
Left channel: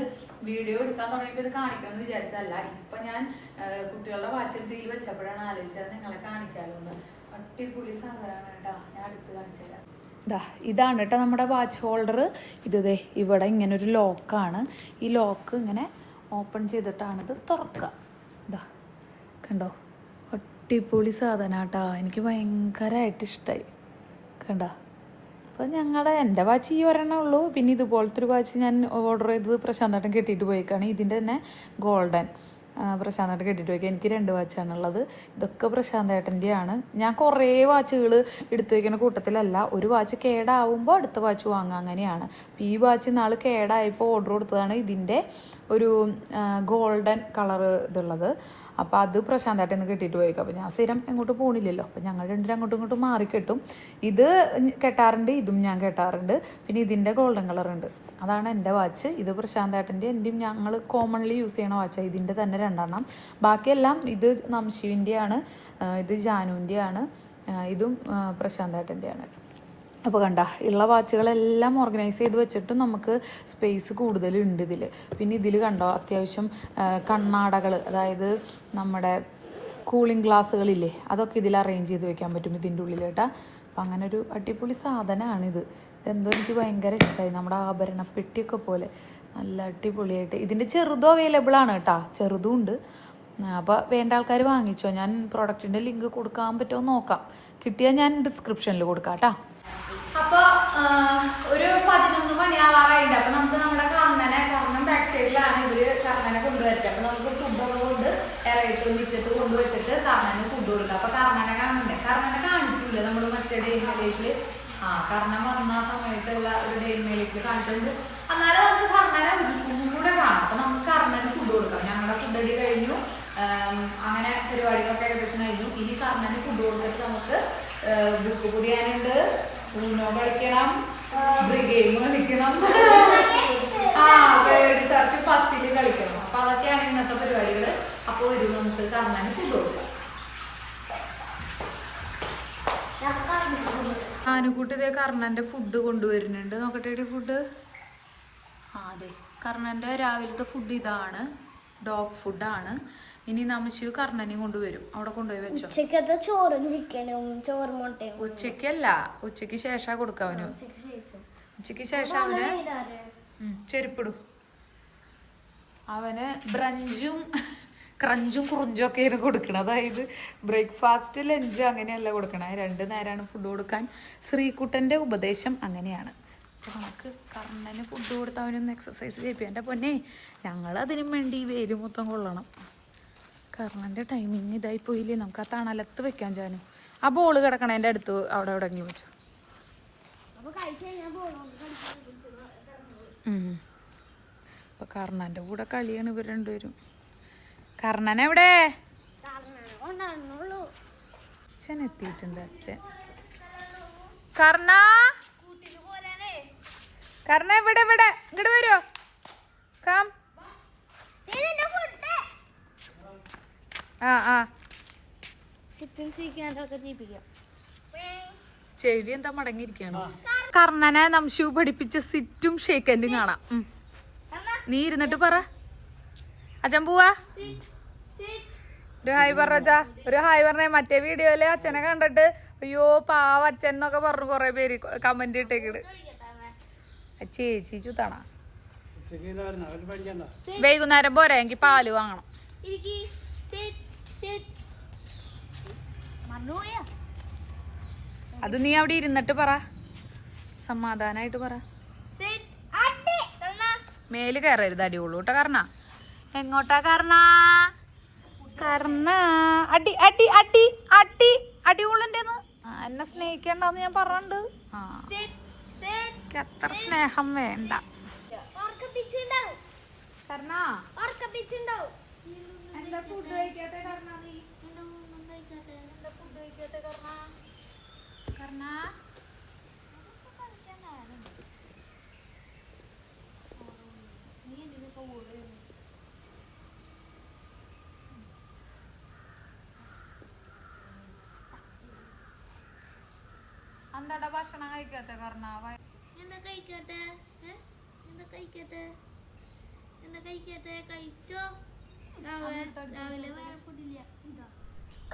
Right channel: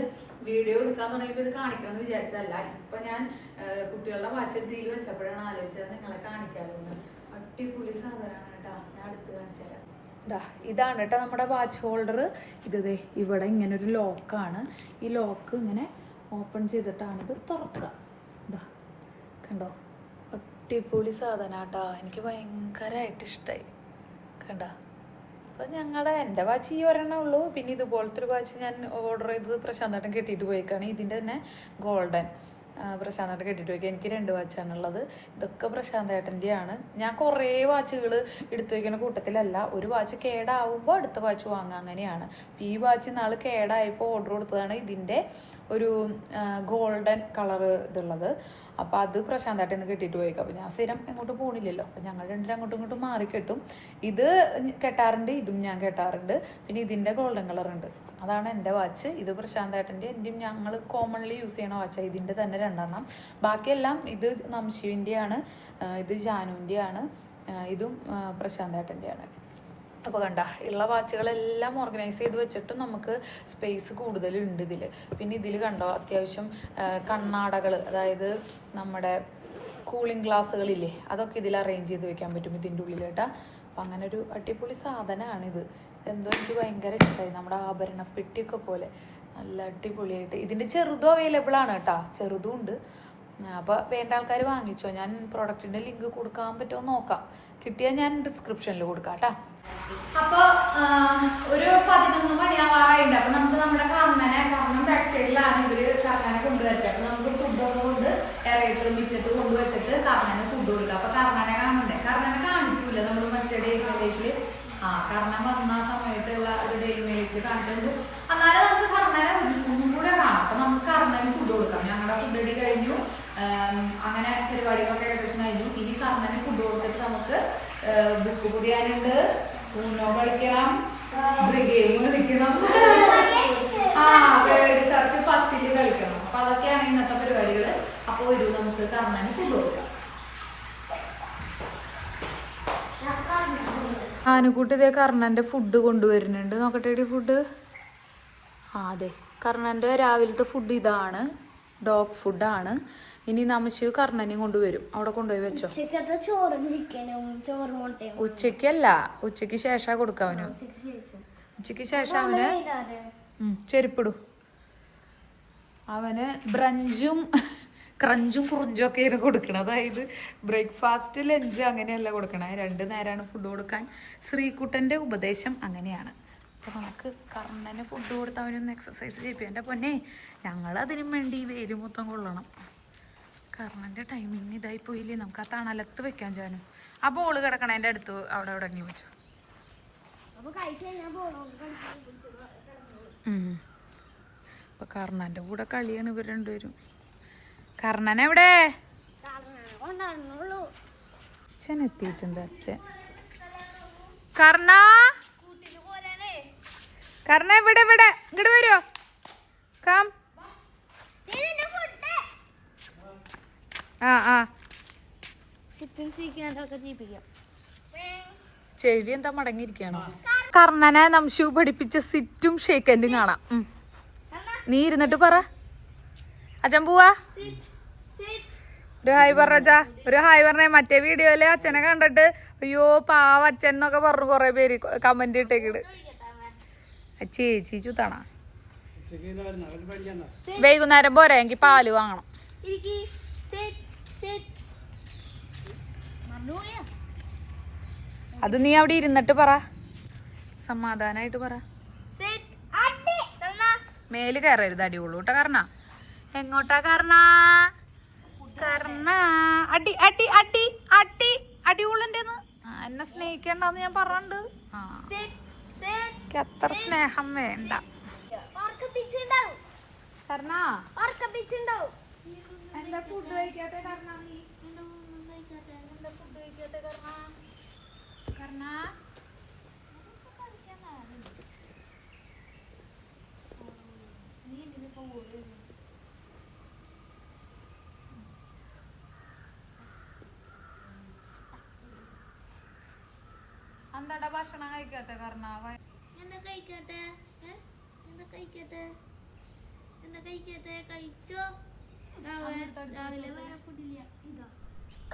വീഡിയോ എടുക്കാൻ തുടങ്ങിയപ്പോൾ ഇത് കാണിക്കണമെന്ന് വിചാരിച്ചതല്ല. ഇപ്പൊ ഞാൻ കുട്ടികളുടെ വാച്ച് ഇതിൽ വെച്ചപ്പോഴാണ് ആലോചിച്ചത് നിങ്ങളെ കാണിക്കാമല്ലോ എന്ന്. അടിപൊളി സാധനമാണ് കേട്ടോ. ഞാൻ അടുത്ത് കാണിച്ചു തരാം. ഇതാണ് കേട്ടോ നമ്മുടെ വാച്ച് ഹോൾഡർ. ഇത് ഇവിടെ ഇങ്ങനെ ഒരു ലോക്കാണ്. ഈ ലോക്ക് ഇങ്ങനെ ഓപ്പൺ ചെയ്തിട്ടാണ് ഇത് തുറക്കുക. ഇതാ കണ്ടോ, അടിപൊളി സാധനം കേട്ടോ. എനിക്ക് ഭയങ്കരമായിട്ട് ഇഷ്ടമായി. കണ്ടോ, അപ്പോൾ എൻ്റെ വാച്ച് ഈ ഒരെണ്ണേ ഉള്ളൂ. പിന്നെ ഇതുപോലത്തെ ഒരു വാച്ച് ഞാൻ ഓർഡർ ചെയ്തത് പ്രശാന്തേട്ടൻ കെട്ടിയിട്ട് പോയിക്കാണ്. ഇതിൻ്റെ തന്നെ ഗോൾഡൻ പ്രശാന്തേട്ടൻ കെട്ടിയിട്ട് പോയിക്കുക. എനിക്ക് 2 വാച്ചാണുള്ളത്. ഇതൊക്കെ പ്രശാന്തേട്ടൻ്റെയാണ്. ഞാൻ കുറേ വാച്ചുകൾ എടുത്തു വയ്ക്കുന്ന കൂട്ടത്തിലല്ല. ഒരു വാച്ച് കേടാവുമ്പോൾ അടുത്ത വാച്ച് വാങ്ങുക, അങ്ങനെയാണ്. ഈ വാച്ച് നാൾ കേടായപ്പോൾ ഓർഡർ കൊടുത്തതാണ്. ഇതിൻ്റെ ഒരു ഗോൾഡൻ കളറ് ഇതുള്ളത്. അപ്പോൾ അത് പ്രശാന്തേട്ടൻ ഇന്ന് കെട്ടിയിട്ട് പോയേക്കും. അപ്പോൾ ഞാൻ സ്ഥിരം ഇങ്ങോട്ട് പോണില്ലല്ലോ, അപ്പോൾ ഞങ്ങൾ രണ്ടിലും അങ്ങോട്ടും ഇങ്ങോട്ടും മാറിക്കെട്ടും. ഇത് കെട്ടാറുണ്ട്, ഇതും ഞാൻ കെട്ടാറുണ്ട്. പിന്നെ ഇതിൻ്റെ ഗോൾഡൻ കളർ ഉണ്ട്, അതാണ് എൻ്റെ വാച്ച്. ഇത് പ്രശാന്തേട്ടൻ്റെ എൻ്റെയും ഞങ്ങൾ കോമൺലി യൂസ് ചെയ്യുന്ന വാച്ചാണ്. ഇതിൻ്റെ തന്നെ 2 എണ്ണം. ബാക്കിയെല്ലാം ഇത് നംശുവിൻ്റെയാണ്, ഇത് ജാനുവിൻ്റെയാണ്, ഇതും പ്രശാന്തേട്ടൻ്റെയാണ്. അപ്പോൾ കണ്ട ഉള്ള വാച്ചുകളെല്ലാം ഓർഗനൈസ് ചെയ്ത് വെച്ചിട്ട് നമുക്ക് സ്പേസ് കൂടുതലുണ്ട് ഇതിൽ. പിന്നെ ഇതിൽ കണ്ടോ അത്യാവശ്യം കണ്ണാടകൾ, അതായത് നമ്മുടെ കൂളിംഗ് ഗ്ലാസ്സുകളില്ലേ, അതൊക്കെ ഇതിൽ അറേഞ്ച് ചെയ്ത് വെക്കാൻ പറ്റും ഇതിൻ്റെ ഉള്ളിലേട്ടാ. അപ്പം അങ്ങനെ ഒരു അടിപൊളി സാധനമാണിത്. എന്തോ എനിക്ക് ഭയങ്കര ഇഷ്ടമായി. നമ്മുടെ ആഭരണപ്പെട്ടിയൊക്കെ പോലെ നല്ല അടിപൊളിയായിട്ട്. ഇതിൻ്റെ ചെറുതും അവൈലബിൾ ആണ് കേട്ടോ, ചെറുതും ഉണ്ട്. അപ്പോൾ വേണ്ട ആൾക്കാർ വാങ്ങിച്ചോ. ഞാൻ പ്രോഡക്റ്റിൻ്റെ ലിങ്ക് കൊടുക്കാൻ പറ്റുമോ നോക്കാം, കിട്ടിയാൽ ഞാൻ ഡിസ്ക്രിപ്ഷനിൽ കൊടുക്കാം കേട്ടോ. അപ്പൊ ഒരു 11 മണിയാവാറായിട്ടുണ്ട്. അപ്പൊ നമുക്ക് നമ്മുടെ കർണൻ ബാക്ക് സൈഡിലാണ് ഇവര് കർണനെ കൊണ്ടുവരുന്നത്. അപ്പൊ നമുക്ക് ഫുഡൊക്കെ കൊണ്ട് ഇറയിട്ട് മിറ്റത്ത് കൊണ്ടുവച്ചിട്ട് കർണന് ഫുഡ് കൊടുക്കാം. അപ്പൊ കർണനെ കാണണ്ടേ, കർണനെ കാണിച്ചില്ല നമ്മൾ മറ്റേ ഡെയിൻമേലേക്ക്. കർണൻ വന്ന സമയത്തുള്ള ഒരു ഡെയിൻമേലേക്ക് കാണിച്ചിട്ടുണ്ട്. എന്നാലും നമുക്ക് കർണനെ ഒന്നും കൂടെ കാണാം. അപ്പൊ നമുക്ക് കർണന് ഫുഡ് കൊടുക്കാം. ഞങ്ങളുടെ ഫുഡ് അടി കഴിഞ്ഞു, അങ്ങനെ പരിപാടികളൊക്കെ ഏകദേശം കഴിഞ്ഞു. ഇനി കർണന് ഫുഡ് കൊടുത്തിട്ട് നമുക്ക് ബുക്ക് പുതിയാനുണ്ട്, ഊനോ കളിക്കണം, ഗെയിം കളിക്കണം, വേർഡ് സെർച്ച് ഫസ്റ്റിൽ കളിക്കണം. അപ്പൊ അതൊക്കെയാണ് ഇന്നത്തെ പരിപാടികൾ. അപ്പോൾ ഒരു നമുക്ക് കർണന് ഫുഡ് കൊടുക്കാം. ആനുകൂട്ടി ഇതേ കർണൻ്റെ ഫുഡ് കൊണ്ടുവരുന്നുണ്ട്. നോക്കട്ടെ ഫുഡ്. അതെ, കർണൻ്റെ രാവിലത്തെ ഫുഡ് ഇതാണ്, ഡോഗ് ഫുഡാണ്. ഇനി നമശിവ് കർണനെയും കൊണ്ടുവരും. അവിടെ കൊണ്ടുപോയി വെച്ചോ. ഉച്ചക്കല്ല, ഉച്ചക്ക് ശേഷം കൊടുക്കാം അവന്. ഉച്ചക്ക് ശേഷം അവന് ചെരുപ്പിടും. അവന് ബ്രഞ്ചും ക്രഞ്ചും കുറുഞ്ചും ഒക്കെയാണ് കൊടുക്കണം. അതായത് ബ്രേക്ക്ഫാസ്റ്റ്, ലഞ്ച് അങ്ങനെയല്ല കൊടുക്കണേ. 2 നേരമാണ് ഫുഡ് കൊടുക്കാൻ. ശ്രീകുട്ടൻ്റെ ഉപദേശം അങ്ങനെയാണ്. അപ്പോൾ നമുക്ക് കർണന് ഫുഡ് കൊടുത്ത് അവനൊന്ന് എക്സസൈസ് ചെയ്യിപ്പിക്കും. എൻ്റെ പൊന്നെ, ഞങ്ങളതിനും വേണ്ടി വേര് മൊത്തം കൊള്ളണം. കർണൻ്റെ ടൈമിങ് ഇതായി പോയില്ലേ. നമുക്ക് ആ തണലത്ത് വെക്കാൻ ചാനും. ആ ബോള് കിടക്കണേൻ്റെ അടുത്ത് അവിടെ എവിടെയെങ്കിലും വെച്ചു. അപ്പൊ കർണൻ്റെ കൂടെ കളിയാണ് ഇവർ രണ്ടുപേരും. കർണൻ എവിടെ? അച്ഛൻ എത്തിയിട്ടുണ്ട്. അച്ഛൻ കർണ കർണ ഇവിടെ ഇവിടെ ഇങ്ങോട്ട് വരുമോ? കം. ചെവി എന്താ മടങ്ങിയിരിക്കണോ? കർണനെ നംശു പഠിപ്പിച്ച സിറ്റും ഷേക്കൻഡും കാണാം. നീ ഇരുന്നിട്ട് പറ. അച്ഛൻ പോവാ. ഒരു ഹായ് പറഞ്ഞ, ഒരു ഹായ് പറഞ്ഞേ. മറ്റേ വീഡിയോയില് അച്ഛനെ കണ്ടിട്ട് അയ്യോ പാവ അച്ഛൻ എന്നൊക്കെ പറഞ്ഞു കൊറേ പേര് കമന്റ് ഇട്ടേക്കിട്. ചേച്ചി ചുത്തണ വൈകുന്നേരം പോരാ, എനിക്ക് പാല് വാങ്ങണം. അത് നീ അവിടെ ഇരുന്നിട്ട് പറ, സമാധാനായിട്ട് പറ. മേല് കയറരുത്, അടിയുള്ളൂ കേട്ടോ. കർണ എങ്ങോട്ടാ? കർണ കർണ അടി അടി അടി അടി അടിയുള്ളെന്ന് എന്നെ സ്നേഹിക്കണ്ടെന്ന് ഞാൻ പറഞ്ഞിട്ടുണ്ട്. അത്ര സ്നേഹം വേണ്ട. എന്താ ഫുഡ് കഴിക്കാത്ത കർണ? നീ എന്താ ഫുഡ് കഴിക്കാത്ത കർണ? കർണ എന്താടാ ഭക്ഷണം കഴിക്കാത്ത കർണ?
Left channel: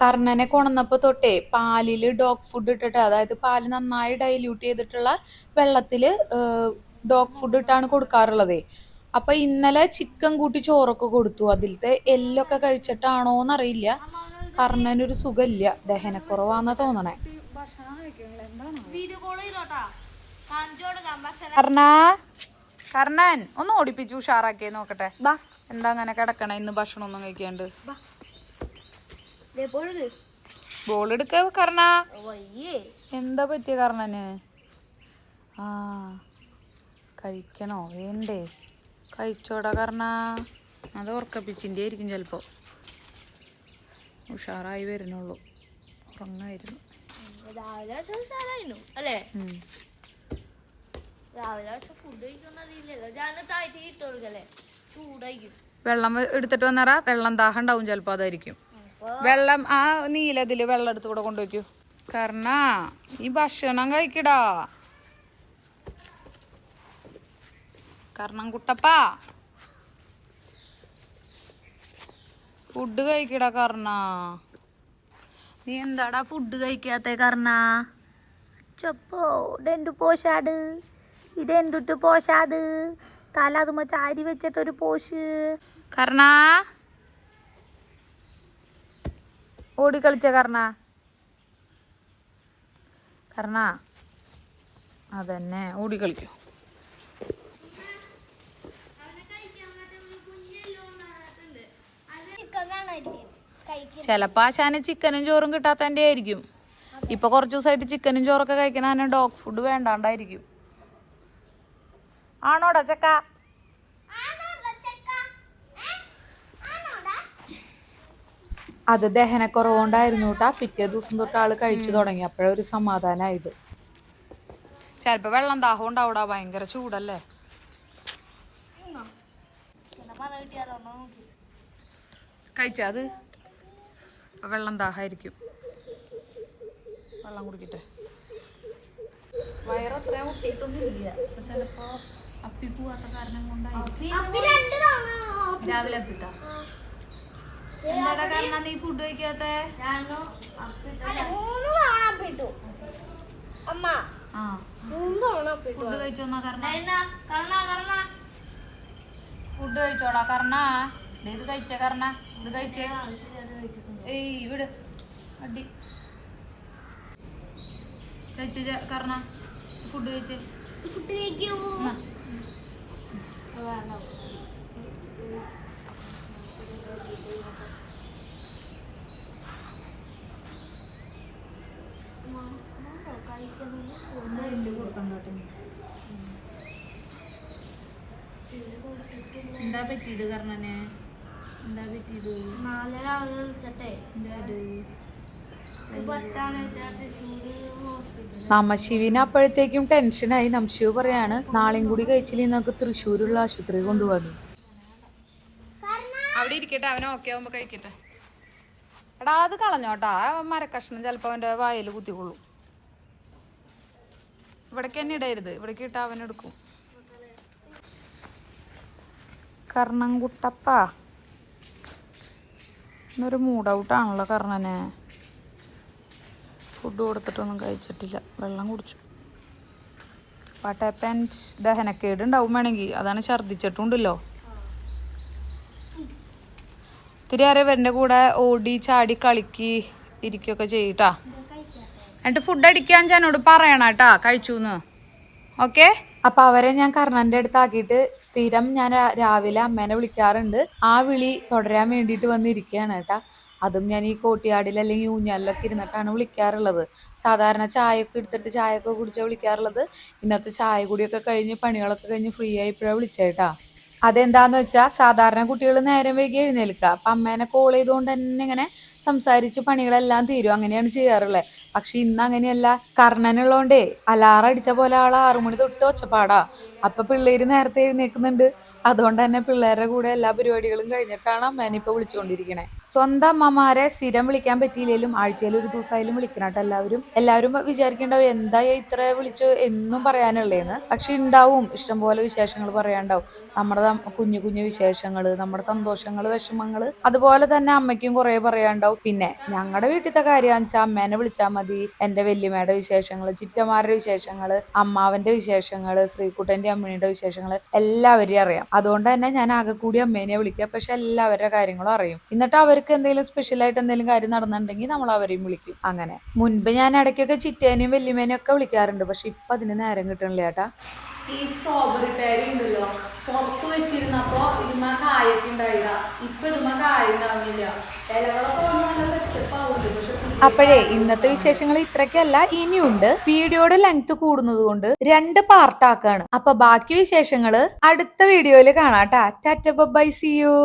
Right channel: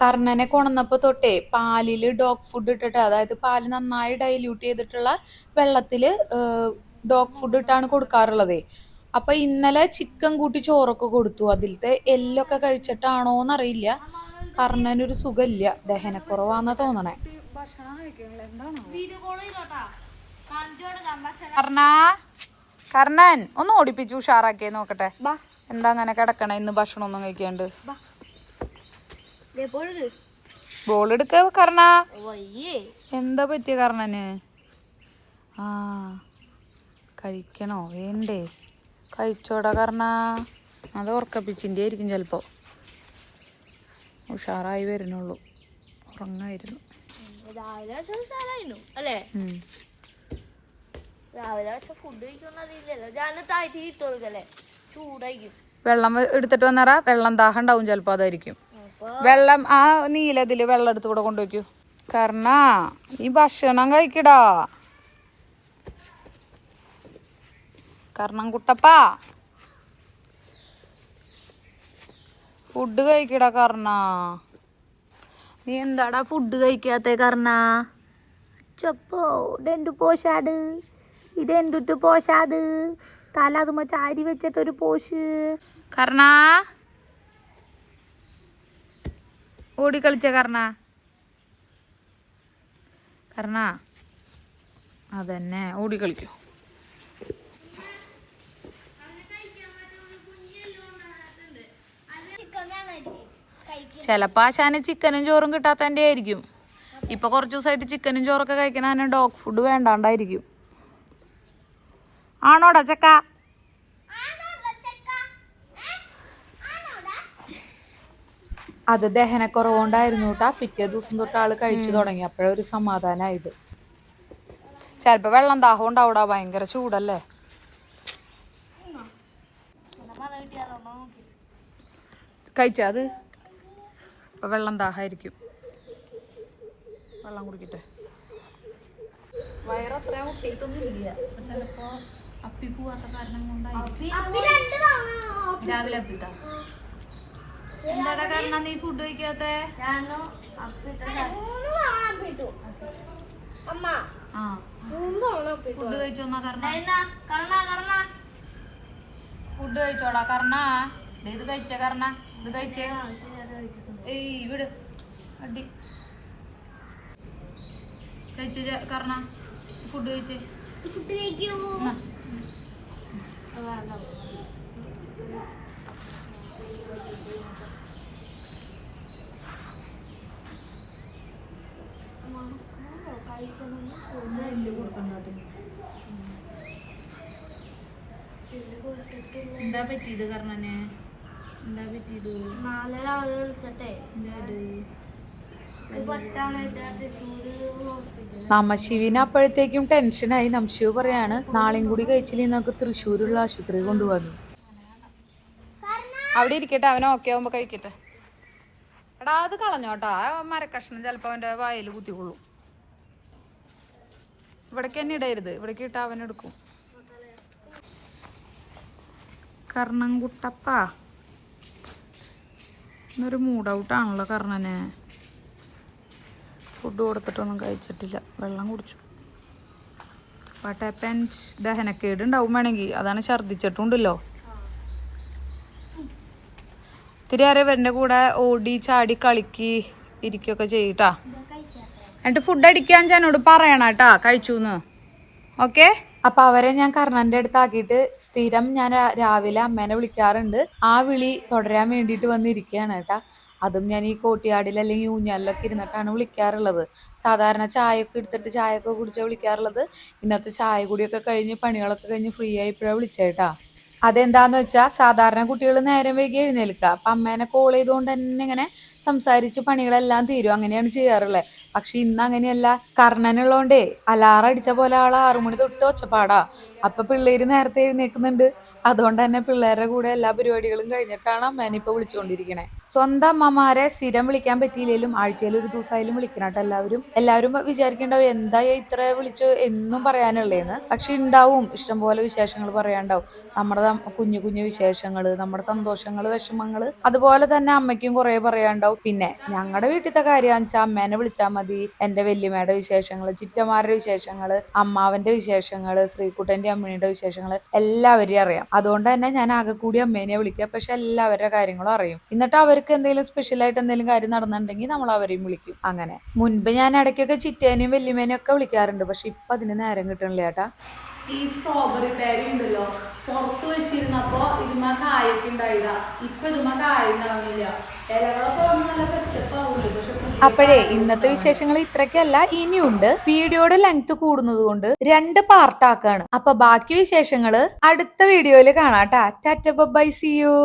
കർണനെ കൊണന്നപ്പോ തൊട്ടേ പാലില് ഡോഗ് ഫുഡ് ഇട്ടിട്ട്, അതായത് പാല് നന്നായി ഡൈല്യൂട്ട് ചെയ്തിട്ടുള്ള വെള്ളത്തില് ഡോഗ് ഫുഡ് ഇട്ടാണ് കൊടുക്കാറുള്ളത്. അപ്പൊ ഇന്നലെ ചിക്കൻ കൂട്ടി ചോറൊക്കെ കൊടുത്തു. അതിലത്തെ എല്ലൊക്കെ കഴിച്ചിട്ടാണോന്നറിയില്ല, കർണനൊരു സുഖമില്ല, ദഹനക്കുറവാന്നാ തോന്നണേ. ഭക്ഷണം കഴിക്കണില്ല, എന്താണോ? വീഡിയോ കോൾ ചെയ്തോട്ടാ, കാണിച്ചു കൊടുക്കാം ഭക്ഷണം. കർണൻ ഒന്ന് ഓടിപ്പിച്ചു ഉഷാറാക്കിയേ നോക്കട്ടെ. എന്താ അങ്ങനെ കിടക്കണ ഇന്ന് ഭക്ഷണം ഒന്നും കഴിക്കാണ്ട്? ബോൾ എടുക്ക കർണ. എന്താ പറ്റിയ കർണന്? ആ കഴിക്കണോ വേണ്ടേ? കഴിച്ചോടാ കർണ. അത് ഉറക്കപ്പിച്ചിൻ്റെ ആയിരിക്കും ചിലപ്പോ. ഉഷാറായി വരുന്നുള്ളൂ, ഉറങ്ങായിരുന്നു. രാവിലെ അല്ലേ? രാവിലെ ഫുഡ് കഴിക്കുന്നല്ലേ, ചൂടായിരിക്കും. വെള്ളം എടുത്തിട്ട് വന്നറാ, വെള്ളം ദാഹം ഉണ്ടാവും ചിലപ്പോ, അതായിരിക്കും. വെള്ളം ആ നീലതില് വെള്ളം എടുത്ത് കൂടെ കൊണ്ടുവയ്ക്കൂ. കർണ ഈ ഭക്ഷണം കഴിക്കടാ. കർണം കുട്ടപ്പാ, ഫുഡ് കഴിക്കടാ കർണ. നീ എന്താടാ ഫുഡ് കഴിക്കാത്ത കർണ? ചപ്പോ ഇതെന്തു പോഷാട്, ഇതെന്തുട്ട് പോഷാട്, തല അതുമ്പോ ചാരി വെച്ചിട്ടൊരു പോഷ്. കർണ ഓടിക്കളിച്ച കർണ. കർണ അതന്നെ ഓടിക്കളിക്കൂ. ചിലപ്പോ ആശാന് ചിക്കനും ചോറും കിട്ടാത്തതിന്റെ ആയിരിക്കും. ഇപ്പൊ കുറച്ചു ദിവസമായിട്ട് ചിക്കനും ചോറൊക്കെ കഴിക്കണ ഡോഗ് ഫുഡ് വേണ്ടാണ്ടായിരിക്കും. ആണോടാ ചക്ക? അത് ദഹനക്കുറവുകൊണ്ടായിരുന്നു കേട്ടാ. പിറ്റേ ദിവസം തൊട്ട് ആള് കഴിച്ചു തുടങ്ങി, അപ്പോഴൊരു സമാധാനമായത്. ചിലപ്പോ വെള്ളം ദാഹം ഉണ്ടാവൂടാ, ഭയങ്കര ചൂടല്ലേ. കഴിച്ചാ അത്? ഇപ്പൊ വെള്ളം ദാഹമായിരിക്കും, വെള്ളം കുടിക്കട്ടെ. വയറത്ര ഒട്ടിയിട്ടൊന്നും ഇല്ല, ചിലപ്പോ അപ്പി പോവാത്ത കാരണം കൊണ്ടായിരിക്കും. രാവിലെ അപ്പിട്ടാ. എന്താടാ കാരണം നീ ഫുഡ് കഴിക്കാത്ത? ഫുഡ് കഴിച്ചോന്നാ കാരണം? ഫുഡ് കഴിച്ചോടാ കർണ. ഇത് കഴിച്ചേ കർണ, ഇത് കഴിച്ചേ. ഏയ് വിട് അടി. കഴിച്ചേ കർണ, ഫുഡ് കഴിച്ചേ. ഫുഡ് കഴിക്കൂ. എന്താ പറ്റിയത് കർണന്? എന്താ പറ്റിയത്? നാളെ രാവിലെ വിളിച്ചട്ടെ, നമ്മശിവിന് അപ്പോഴത്തേക്കും ടെൻഷനായി. നമ്മശിവ് പറയാണ് നാളെയും കൂടി കഴിച്ചില്ലെങ്കിൽ നമുക്ക് തൃശ്ശൂരുള്ള ആശുപത്രി കൊണ്ടുപോകാൻ. അവിടെ ഇരിക്കട്ടെ, അവൻ ഓക്കെ ആവുമ്പോ കഴിക്കട്ടെ. എടാ അത് കളഞ്ഞോട്ടാ, മരക്കഷ്ണം ചിലപ്പോ അവന്റെ വായിൽ കുത്തിക്കൊള്ളും. ഇവിടേക്ക് തന്നെ ഇടരുത്, ഇവിടേക്ക് ഇട്ടാ അവനെടുക്കും. കർണൻകുട്ടപ്പ ഇന്നൊരു മൂഡ് ഔട്ടാണല്ലോ കർണന്. ഫുഡ് കൊടുത്തിട്ടൊന്നും കഴിച്ചിട്ടില്ല, വെള്ളം കുടിച്ചു. What happened? ദഹനക്കേട് ഉണ്ടാവും വേണമെങ്കിൽ, അതാണ് ഛർദ്ദിച്ചിട്ടുണ്ടല്ലോ. ഇത്തിരി ആരെ ഇവരുടെ കൂടെ ഓടി ചാടി കളിക്ക് ഇരിക്കുകയൊക്കെ ചെയ്യട്ടാ. എന്നിട്ട് ഫുഡ് അടിക്കാൻ എന്നോട് പറയണം കേട്ടാ കഴിച്ചൂന്ന്. ഓക്കെ? അപ്പൊ അവരെ ഞാൻ കർണന്റെ അടുത്താക്കിയിട്ട് സ്ഥിരം ഞാൻ രാവിലെ അമ്മേനെ വിളിക്കാറുണ്ട്. ആ വിളി തുടരാൻ വേണ്ടിയിട്ട് വന്നിരിക്കുകയാണ് കേട്ടാ. അതും ഞാൻ ഈ കോട്ടിയാടിൽ അല്ലെങ്കിൽ ഊഞ്ഞാലിലൊക്കെ ഇരുന്നിട്ടാണ് വിളിക്കാറുള്ളത്. സാധാരണ ചായയൊക്കെ എടുത്തിട്ട് ചായയൊക്കെ കുടിച്ചാൽ വിളിക്കാറുള്ളത്. ഇന്നത്തെ ചായ കുടിയൊക്കെ കഴിഞ്ഞ് പണികളൊക്കെ കഴിഞ്ഞ് ഫ്രീ ആയിപ്പോഴാണ് വിളിച്ചേട്ടാ. അതെന്താന്ന് വെച്ചാ സാധാരണ കുട്ടികൾ നേരം വൈകി എഴുന്നേൽക്കുക. അപ്പൊ അമ്മേനെ കോൾ ചെയ്തുകൊണ്ട് തന്നെ ഇങ്ങനെ സംസാരിച്ച് പണികളെല്ലാം തീരും, അങ്ങനെയാണ് ചെയ്യാറുള്ളത്. പക്ഷെ ഇന്ന് അങ്ങനെയല്ല. കർണനുള്ളോണ്ടേ അലാറം അടിച്ച പോലെ ആൾ 6 മണി തൊട്ട് ഒച്ചപ്പാടാ. അപ്പൊ പിള്ളേര് നേരത്തെ എഴുന്നേൽക്കുന്നുണ്ട്. അതുകൊണ്ട് തന്നെ പിള്ളേരുടെ കൂടെ എല്ലാ പരിപാടികളും കഴിഞ്ഞിട്ടാണ് അമ്മേനെ ഇപ്പൊ വിളിച്ചുകൊണ്ടിരിക്കണേ. സ്വന്തം അമ്മമാരെ സ്ഥിരം വിളിക്കാൻ പറ്റിയില്ലെങ്കിലും ആഴ്ചയിൽ ഒരു ദിവസമായാലും വിളിക്കണം കേട്ടോ എല്ലാവരും വിചാരിക്കണ്ടാവും എന്താ ഇത്ര വിളിച്ചു എന്നും പറയാനുള്ളേന്ന്. പക്ഷെ ഉണ്ടാവും ഇഷ്ടംപോലെ വിശേഷങ്ങൾ പറയാണ്ടാവും. നമ്മുടെ കുഞ്ഞു കുഞ്ഞു വിശേഷങ്ങള്, നമ്മുടെ സന്തോഷങ്ങള്, വിഷമങ്ങള്, അതുപോലെ തന്നെ അമ്മയ്ക്കും കുറെ പറയാണ്ടാവും. പിന്നെ ഞങ്ങളുടെ വീട്ടിലത്തെ കാര്യമാണെന്ന് വെച്ചാൽ അമ്മേനെ വിളിച്ചാൽ മതി. എന്റെ വല്യമ്മയുടെ വിശേഷങ്ങള്, ചിറ്റമാരുടെ വിശേഷങ്ങള്, അമ്മാവന്റെ വിശേഷങ്ങള്, ശ്രീകുട്ടന്റെ അമ്മയുടെ വിശേഷങ്ങള് എല്ലാവരെയും അറിയാം. അതുകൊണ്ട് തന്നെ ഞാൻ ആകെ കൂടി അമ്മേനെ വിളിക്കുക. പക്ഷെ എല്ലാവരുടെ കാര്യങ്ങളും അറിയും. എന്നിട്ട് അവർക്ക് എന്തെങ്കിലും സ്പെഷ്യലായിട്ട് എന്തെങ്കിലും കാര്യം നടന്നിട്ടുണ്ടെങ്കിൽ നമ്മൾ അവരെയും വിളിക്കും. അങ്ങനെ മുൻപ് ഞാൻ ഇടയ്ക്കൊക്കെ ചിറ്റേനെയും വല്യമ്മേനെയും ഒക്കെ വിളിക്കാറുണ്ട്. പക്ഷെ ഇപ്പൊ അതിന് നേരം കിട്ടണില്ല ചേട്ടാ. ഈ സ്ട്രോബെറി പേര ഉണ്ടല്ലോ, പുറത്ത് വെച്ചിരുന്നപ്പോ ഇതുമാ കായൊക്കെ ഉണ്ടായതാ. ഇപ്പൊ ഇതുമാ കായ ഉണ്ടാവുന്നില്ല. ഇലകളൊക്കെ വന്ന് നല്ല സെറ്റപ്പ് ആവുന്നുണ്ട്. പക്ഷെ അപ്പോഴേ ഇന്നത്തെ വിശേഷങ്ങൾ ഇത്രയ്ക്കല്ല, ഇനിയുണ്ട്. വീഡിയോയുടെ ലെങ്ത് കൂടുന്നത് കൊണ്ട് 2 പാർട്ടാക്കാണ്. അപ്പൊ ബാക്കി വിശേഷങ്ങള് അടുത്ത വീഡിയോയില് കാണാട്ടാ. Tata bye, see U.